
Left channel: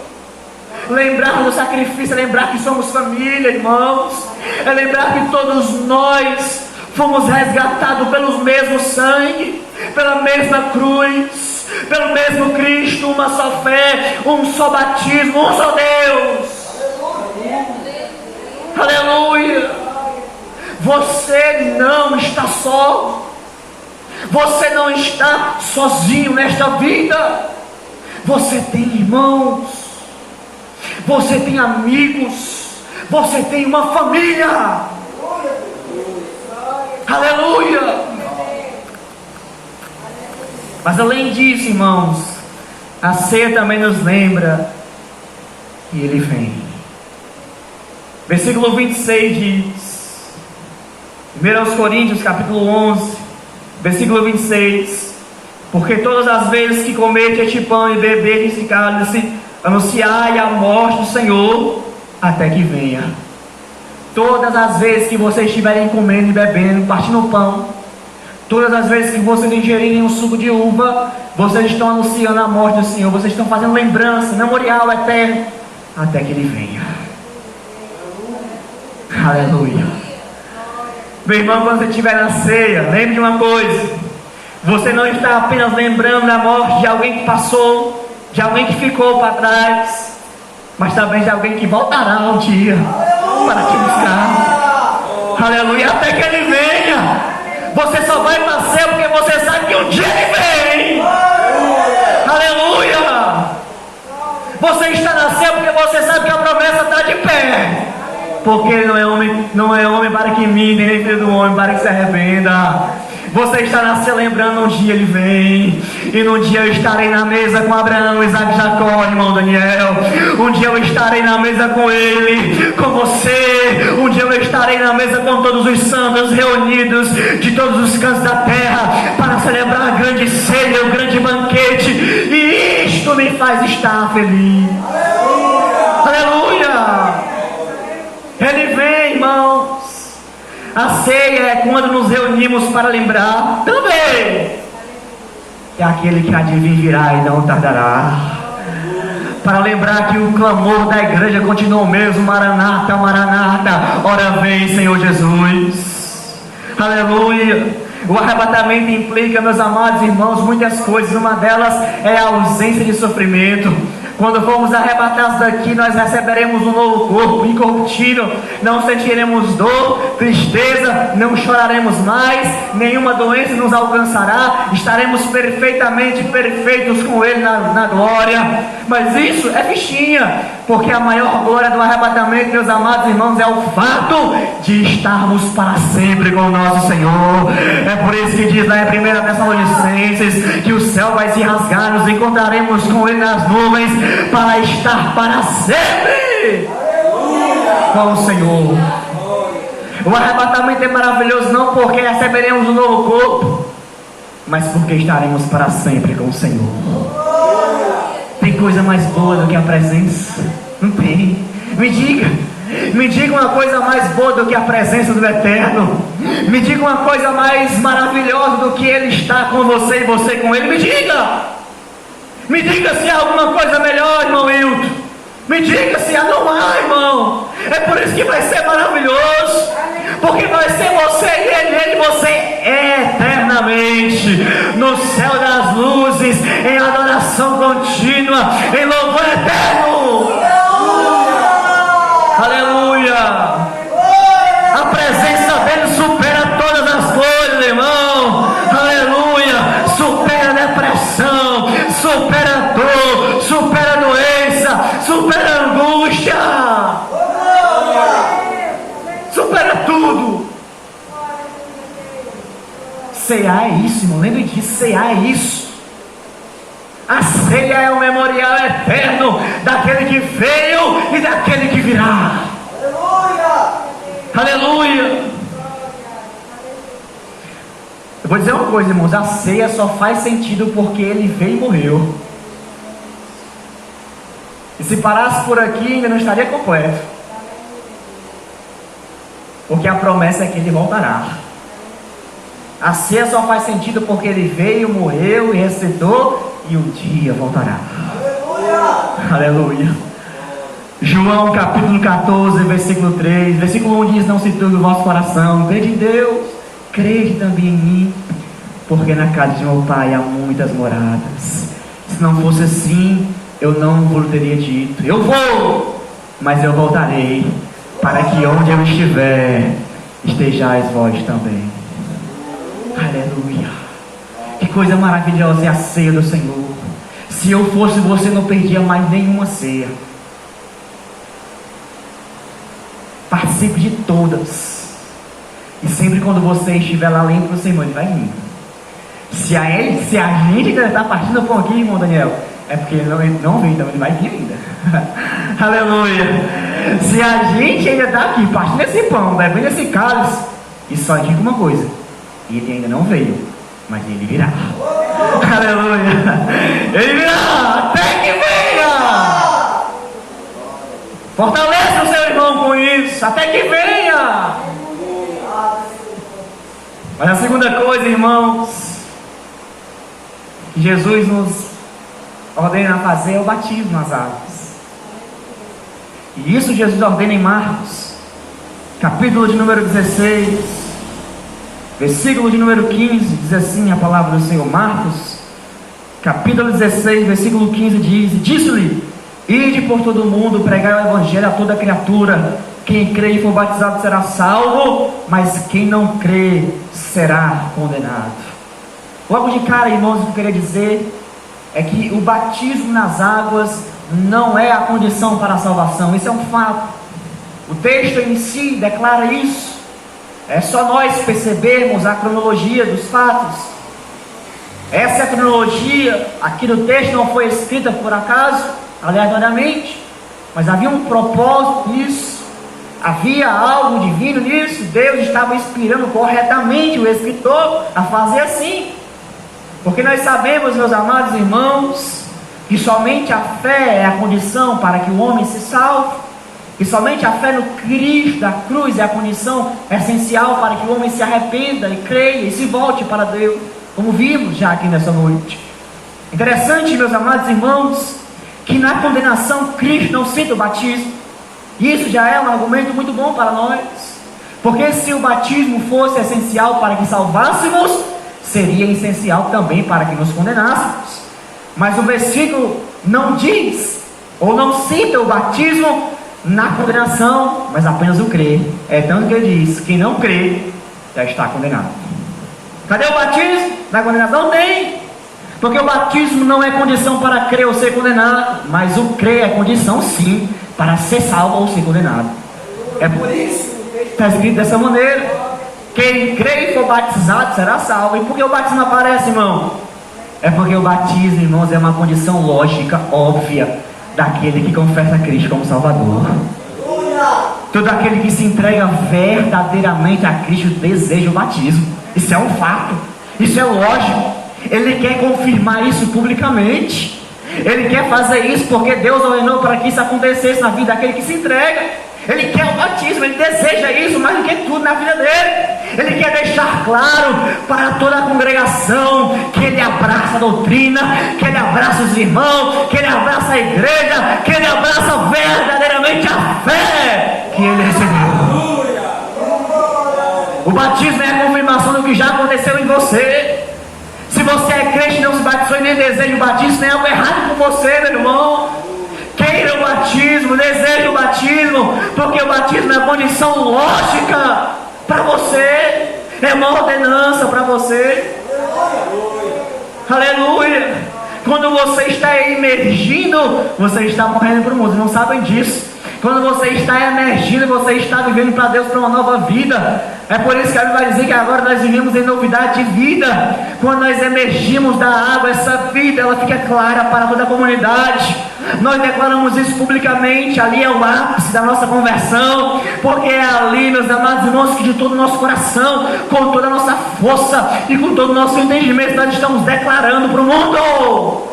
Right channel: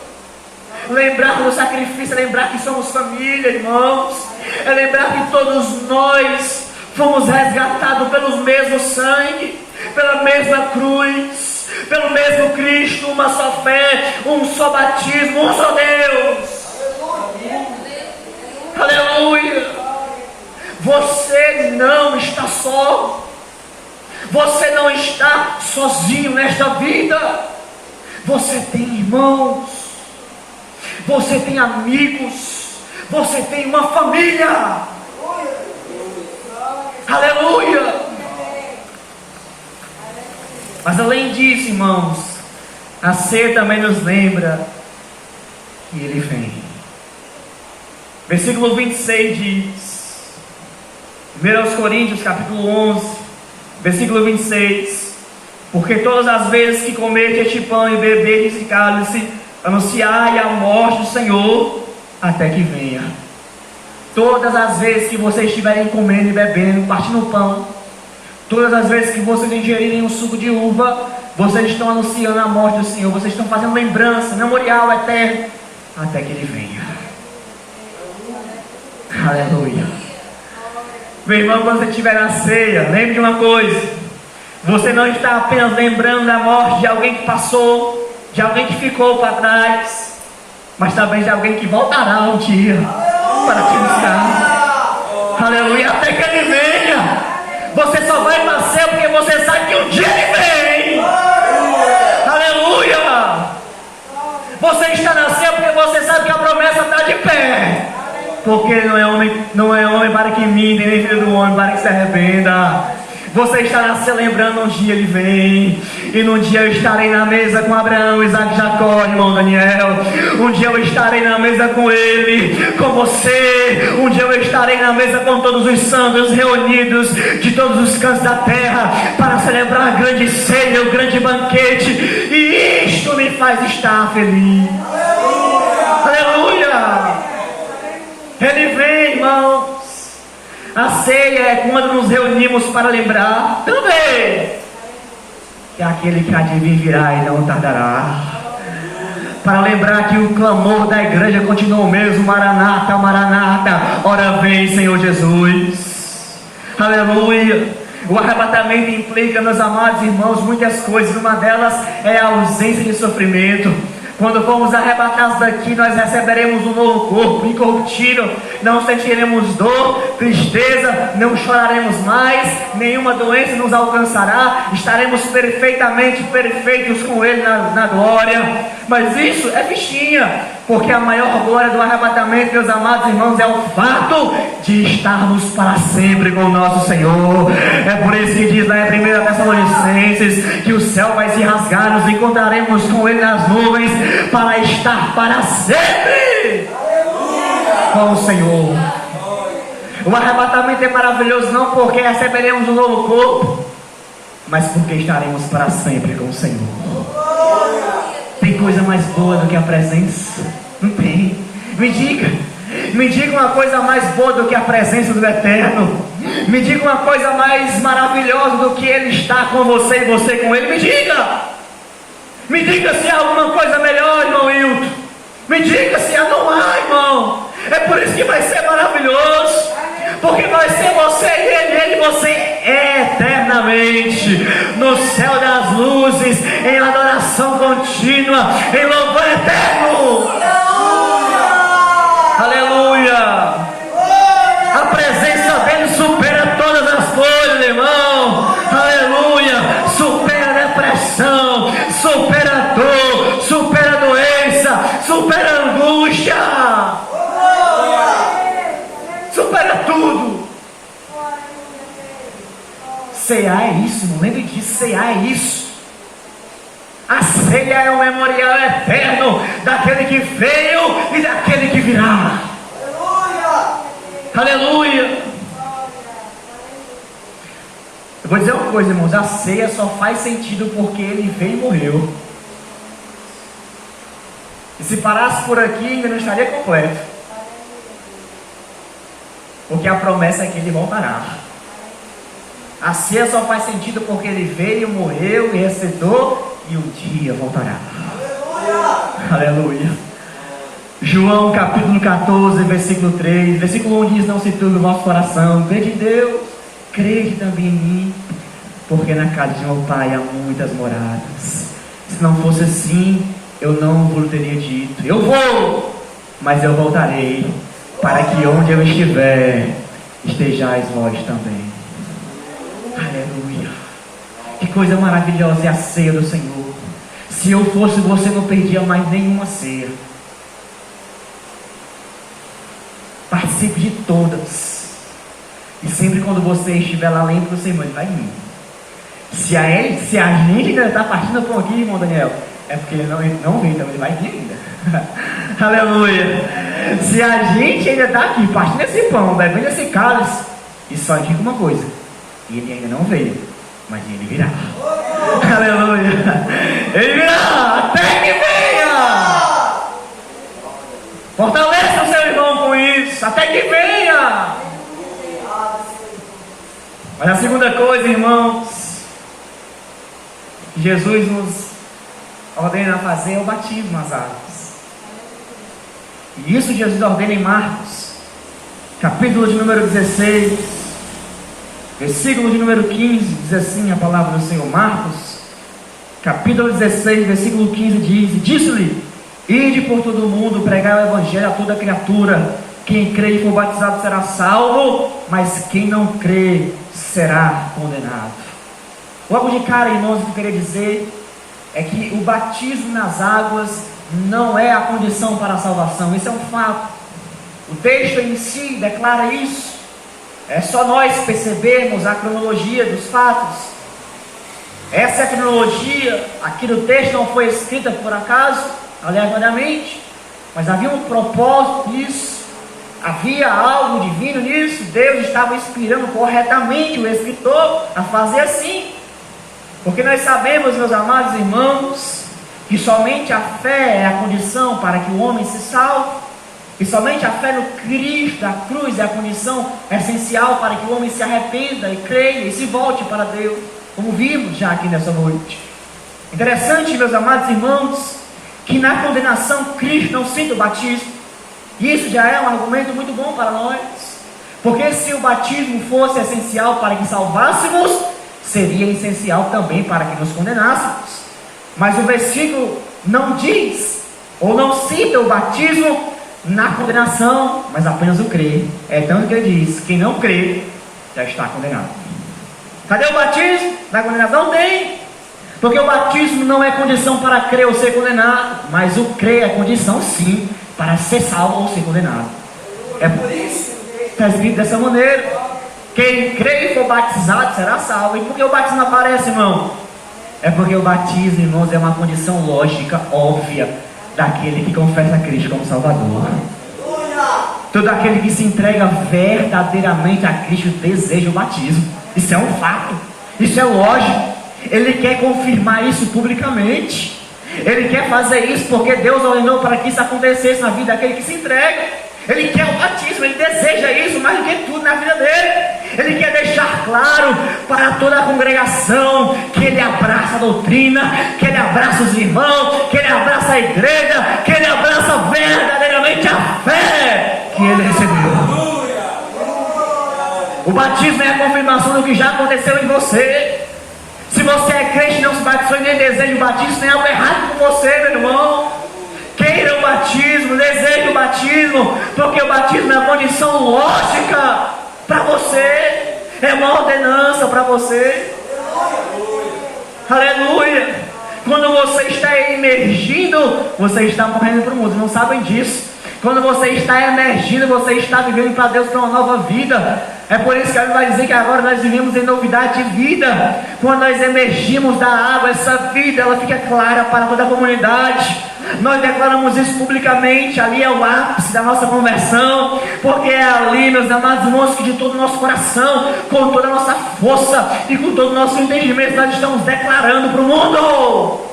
Lembrar do sacrifício, é lembrar que somos família, irmãos, é lembrar que todos nós fomos resgatados pelo mesmo sangue, pela mesma cruz, pelo mesmo Cristo, uma só fé, um só batismo, um só Deus. Aleluia. Você não está só, você não está sozinho nesta vida. Você tem irmãos, você tem amigos, você tem uma família. Aleluia. Mas além disso, irmãos, a ceia também nos lembra que Ele vem. Versículo 26 diz, 1 Coríntios capítulo 11, versículo 26: porque todas as vezes que comerdes este pão e beberdes este cálice, anunciai a morte do Senhor até que venha. Todas as vezes que vocês estiverem comendo e bebendo, partindo o pão, todas as vezes que vocês ingerirem um suco de uva, vocês estão anunciando a morte do Senhor, vocês estão fazendo lembrança, memorial eterno, até que Ele venha. Aleluia. Meu irmão, quando você estiver na ceia, lembre de uma coisa: você não está apenas lembrando da morte de alguém que passou, de alguém que ficou para trás, mas também de alguém que voltará um dia para te buscar. Aleluia, até que ele venha. Você só vai nascer porque você sabe que um dia ele vem. Aleluia. Você está nascendo porque você sabe que a promessa está de pé. Porque ele não é homem para que minta, nem filho do homem para que se arrependa. Você está nascendo lembrando, um dia ele vem. E num dia eu estarei na mesa com Abraão, Isaac e Jacó, irmão Daniel. Um dia eu estarei na mesa com ele, com você. Um dia eu estarei na mesa com todos os santos reunidos de todos os cantos da terra, para celebrar a grande ceia, o grande banquete. E isto me faz estar feliz. Aleluia! Ele vem, irmãos. A ceia é quando nos reunimos para lembrar também que aquele que há de vir virá e não tardará. Para lembrar que o clamor da igreja continua o mesmo: Maranata, Maranata, ora vem, Senhor Jesus. Aleluia. O arrebatamento implica, meus amados irmãos, muitas coisas. Uma delas é a ausência de sofrimento. Quando formos arrebatados daqui, nós receberemos um novo corpo incorruptível. Não sentiremos dor, tristeza, não choraremos mais, nenhuma doença nos alcançará. Estaremos perfeitamente perfeitos com Ele na glória. Mas isso é fichinha, porque a maior glória do arrebatamento, meus amados irmãos, é o fato de estarmos para sempre com o nosso Senhor. É por isso que diz lá em 1 Tessalonicenses que o céu vai se rasgar, nos encontraremos com Ele nas nuvens, para estar para sempre com o Senhor. O arrebatamento é maravilhoso, não porque receberemos um novo corpo, mas porque estaremos para sempre com o Senhor. Tem coisa mais boa do que a presença? Não tem. Me diga uma coisa mais boa do que a presença do Eterno. Me diga uma coisa mais maravilhosa do que Ele está com você e você com Ele. Me diga se há alguma coisa melhor, irmão Hilton. Me diga se há. Não há, irmão. É por isso que vai ser maravilhoso, porque vai ser você e Ele e você eternamente no céu das luzes, em adoração contínua, em louvor eterno. Aleluia. A presença dele supera todas as coisas, irmão. Aleluia. Supera a depressão, supera a dor, supera a doença, supera a angústia, supera tudo. Cear é isso, irmão. Lembre disso, cear é isso. A ceia é o memorial eterno daquele que veio e daquele que virá. Aleluia. Eu vou dizer uma coisa, irmãos: a ceia só faz sentido porque ele veio e morreu. E se parasse por aqui, ainda não estaria completo, porque a promessa é que ele voltará. A ceia só faz sentido porque ele veio, morreu e ressuscitou, e um dia voltará. Aleluia. João capítulo 14, versículo 3, versículo 1 diz: não se turbe o vosso coração, crede em Deus, crede também em mim, porque na casa de meu pai há muitas moradas. Se não fosse assim, eu não vos teria dito: eu vou, mas eu voltarei, para que onde eu estiver, estejais vós também. Aleluia. Que coisa maravilhosa é a ceia do Senhor. Se eu fosse você, não perdia mais nenhuma ceia. Participe de todas. E sempre quando você estiver lá lendo do Senhor, ele vai vir. Se a gente ainda está partindo o pão aqui, irmão Daniel, é porque ele não veio, então ele vai vir ainda. Aleluia. Se a gente ainda está aqui partindo esse pão, bebendo esse cálice, e só indica uma coisa: ele ainda não veio, mas ele virá. Aleluia. Ele virá até que venha. Fortaleça o seu irmão com isso, até que venha. Mas a segunda coisa, irmãos, que Jesus nos ordena a fazer é o batismo nas águas. E isso Jesus ordena em Marcos, capítulo de número 16, versículo de número 15, diz assim a palavra do Senhor. Marcos, capítulo 16, versículo 15 diz: disse-lhe: ide por todo o mundo, pregar o evangelho a toda criatura. Quem crê e for batizado será salvo, mas quem não crê será condenado. Logo de cara, irmãos, o que eu queria dizer é que o batismo nas águas não é a condição para a salvação. Isso é um fato. O texto em si declara isso. É só nós percebermos a cronologia dos fatos. Essa é a cronologia aqui do texto, não foi escrita por acaso, aleatoriamente, mas havia um propósito nisso. Havia algo divino nisso. Deus estava inspirando corretamente o escritor a fazer assim. Porque nós sabemos, meus amados irmãos, que somente a fé é a condição para que o homem se salve. E somente a fé no Cristo da cruz é a condição essencial para que o homem se arrependa e creia e se volte para Deus, como vimos já aqui nessa noite. Interessante, meus amados irmãos, que na condenação Cristo não cita o batismo. Isso já é um argumento muito bom para nós, porque se o batismo fosse essencial para que salvássemos, seria essencial também para que nos condenássemos. Mas o versículo não diz, ou não cita o batismo na condenação, mas apenas o crer. É tanto que ele diz: quem não crê já está condenado. Cadê o batismo? Na condenação não tem, porque o batismo não é condição para crer ou ser condenado, mas o crer é condição sim para ser salvo ou ser condenado. É por isso que está escrito dessa maneira: quem crê e for batizado será salvo. E por que o batismo aparece, irmão? É porque o batismo, irmãos, é uma condição lógica, óbvia, daquele que confessa Cristo como Salvador. Todo aquele que se entrega verdadeiramente a Cristo deseja o batismo. Isso é um fato, isso é lógico. Ele quer confirmar isso publicamente. Ele quer fazer isso porque Deus ordenou para que isso acontecesse na vida daquele que se entrega. Ele quer o batismo, ele deseja isso mais do que tudo na vida dele. Ele quer deixar claro para toda a congregação que ele abraça a doutrina, que ele abraça os irmãos, que ele abraça a igreja, que ele abraça verdadeiramente a fé que ele recebeu. O batismo é a confirmação do que já aconteceu em você. Se você é crente e não se batizou e nem deseja o batismo, tem algo errado com você, meu irmão. Queira o batismo, deseje o batismo, porque o batismo é a condição lógica para você, é uma ordenança para você. Aleluia! Quando você está emergindo, você está morrendo para o mundo, não sabem disso. Quando você está emergindo, você está vivendo para Deus para uma nova vida. É por isso que a Bíblia vai dizer que agora nós vivemos em novidade de vida. Quando nós emergimos da água, essa vida ela fica clara para toda a comunidade. Nós declaramos isso publicamente. Ali é o ápice da nossa conversão, porque é ali, meus amados irmãos, que de todo o nosso coração, com toda a nossa força e com todo o nosso entendimento, nós estamos declarando para o mundo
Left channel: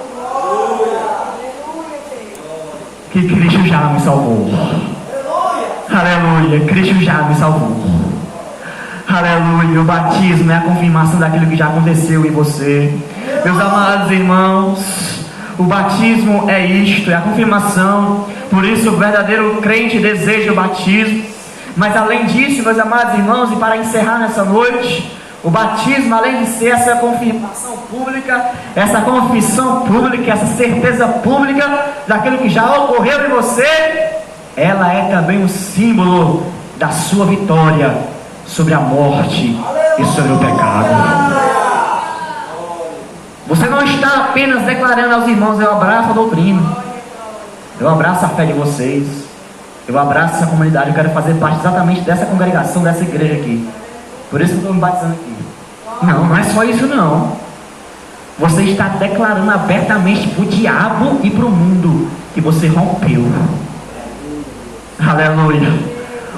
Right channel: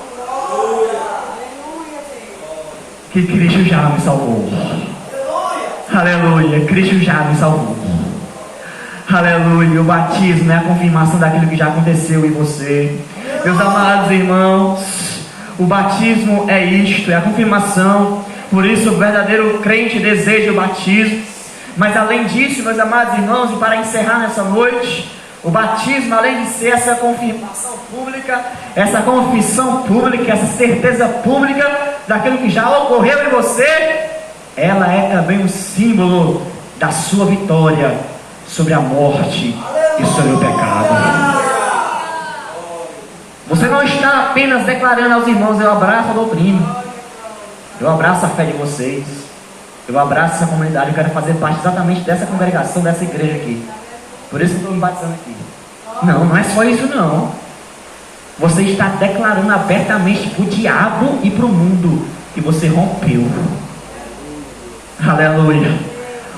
que Cristo já me salvou. Aleluia, Cristo já me salvou. Aleluia, o batismo é a confirmação daquilo que já aconteceu em você. Meus amados irmãos, o batismo é isto, é a confirmação. Por isso o verdadeiro crente deseja o batismo. Mas além disso, meus amados irmãos, e para encerrar nessa noite, o batismo, além de ser essa confirmação pública, essa confissão pública, essa certeza pública daquilo que já ocorreu em você, ela é também um símbolo da sua vitória sobre a morte e sobre o pecado. Você não está apenas declarando aos irmãos: eu abraço a doutrina, eu abraço a fé de vocês, eu abraço essa comunidade, eu quero fazer parte exatamente dessa congregação, dessa igreja aqui. Por isso que eu estou me batizando aqui. Não é só isso não. Você está declarando abertamente para o diabo e para o mundo que você rompeu. Aleluia.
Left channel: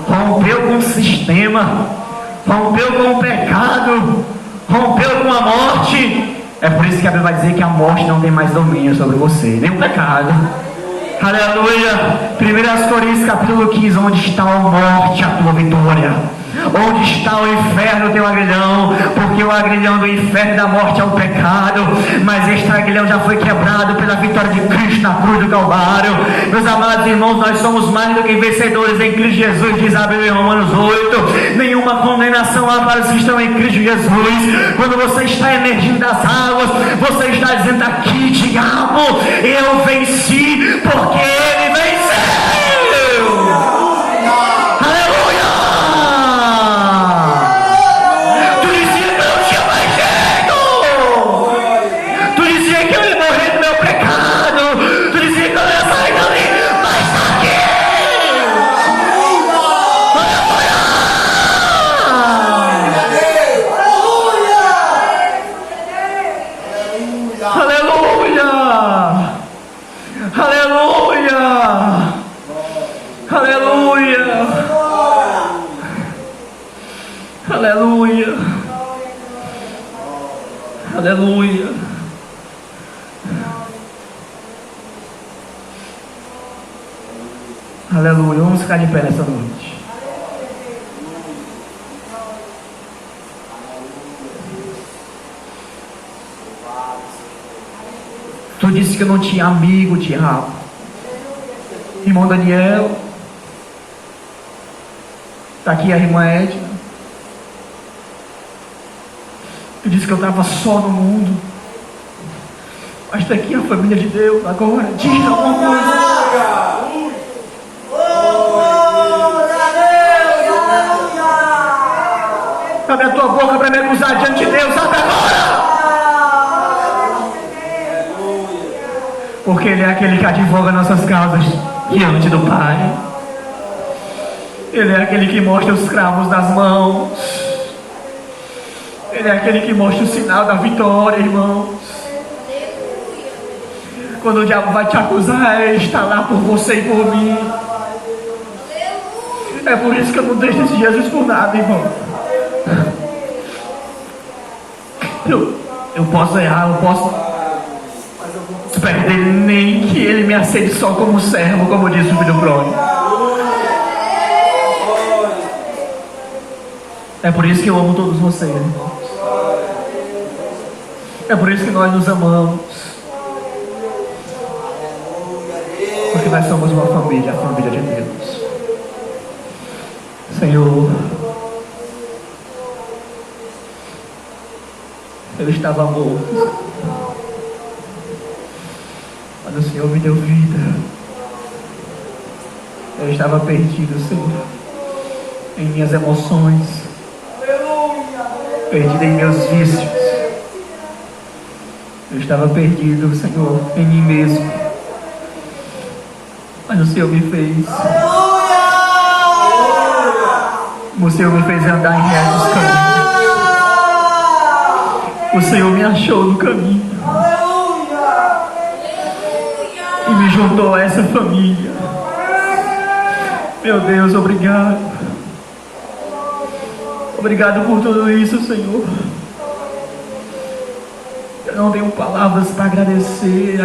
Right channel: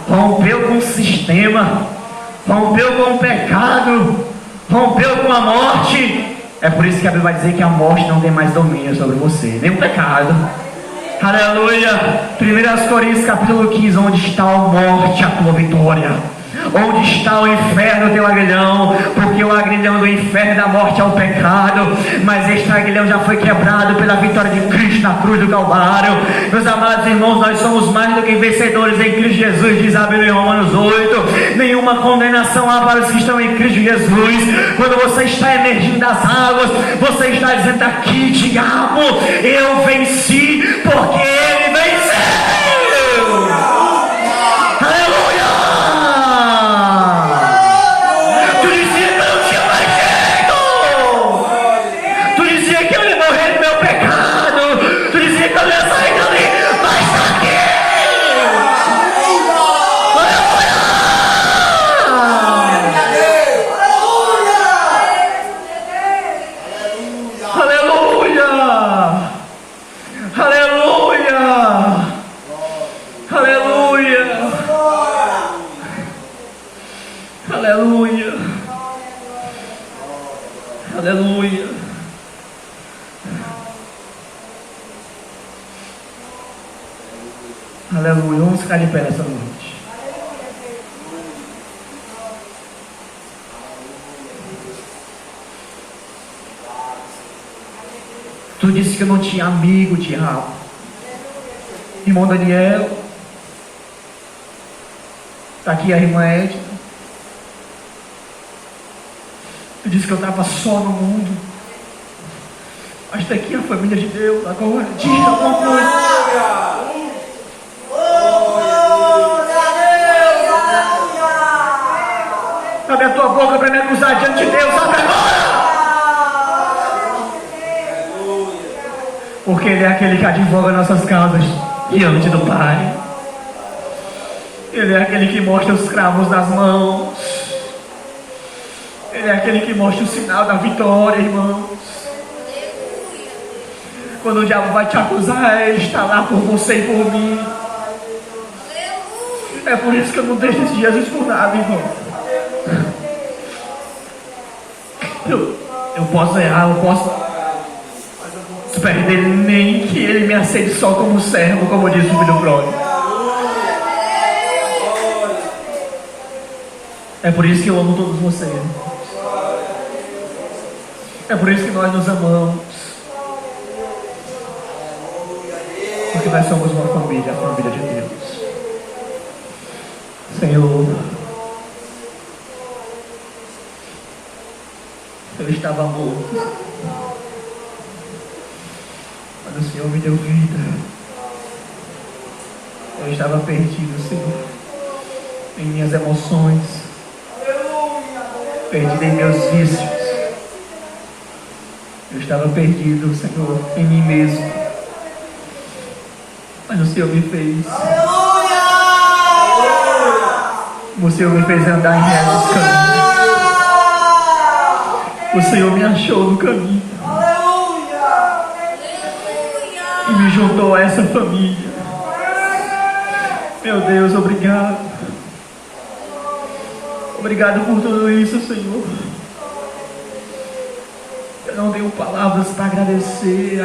Rompeu com o sistema, rompeu com o pecado, rompeu com a morte. É por isso que a Bíblia vai dizer que a morte não tem mais domínio sobre você, nem o pecado. Aleluia. 1 Coríntios capítulo 15: onde está a morte, a tua vitória? Onde está o inferno, teu agrilhão? Porque o agrilhão do inferno e da morte é o pecado, mas este agrilhão já foi quebrado pela vitória de Cristo na cruz do Calvário. Meus amados irmãos, nós somos mais do que vencedores em Cristo Jesus, diz a Bíblia em Romanos 8. Nenhuma condenação há para os que estão em Cristo Jesus. Quando você está emergindo das águas, você está dizendo: aqui, diabo, eu venci, porque ele venceu. Aleluia! Tu dizia que eu não tinha mais jeito. Tu dizia que eu ia morrer do meu pecado. Tu dizia que eu ia sair dali, mas está aqui. Aleluia! Aleluia! Aleluia! Aleluia! Aleluia! Aleluia! Vamos ficar de pé nessa noite. Tu disse que eu não tinha amigo, diabo. Irmão Daniel, está aqui a irmã Edna. Tu disse que eu estava só no mundo, mas está aqui a família de Deus. Agora, diga alguma coisa. Abre a tua boca para me acusar diante de Deus. Abre agora. Porque Ele é aquele que advoga nossas causas diante do Pai. Ele é aquele que mostra os cravos das mãos. Ele é aquele que mostra o sinal da vitória, irmãos. Quando o diabo vai te acusar, Ele está lá por você e por mim. É por isso que eu não deixo esse Jesus por nada, irmão. Eu posso errar, eu posso perder, nem que Ele me aceite só como servo, como disse o filho pródigo. É por isso que eu amo todos vocês, irmãos. É por isso que nós nos amamos. Porque nós somos uma família, a família de Deus. Senhor, eu estava morto, mas o Senhor me deu vida. Eu estava perdido, Senhor, em minhas emoções, perdido em meus vícios. Eu estava perdido, Senhor, em mim mesmo. Mas o Senhor me fez. O Senhor me fez andar em retos caminhos. O Senhor me achou no caminho. E me juntou a essa família. Meu Deus, obrigado. Obrigado por tudo isso, Senhor. Eu não tenho palavras para agradecer.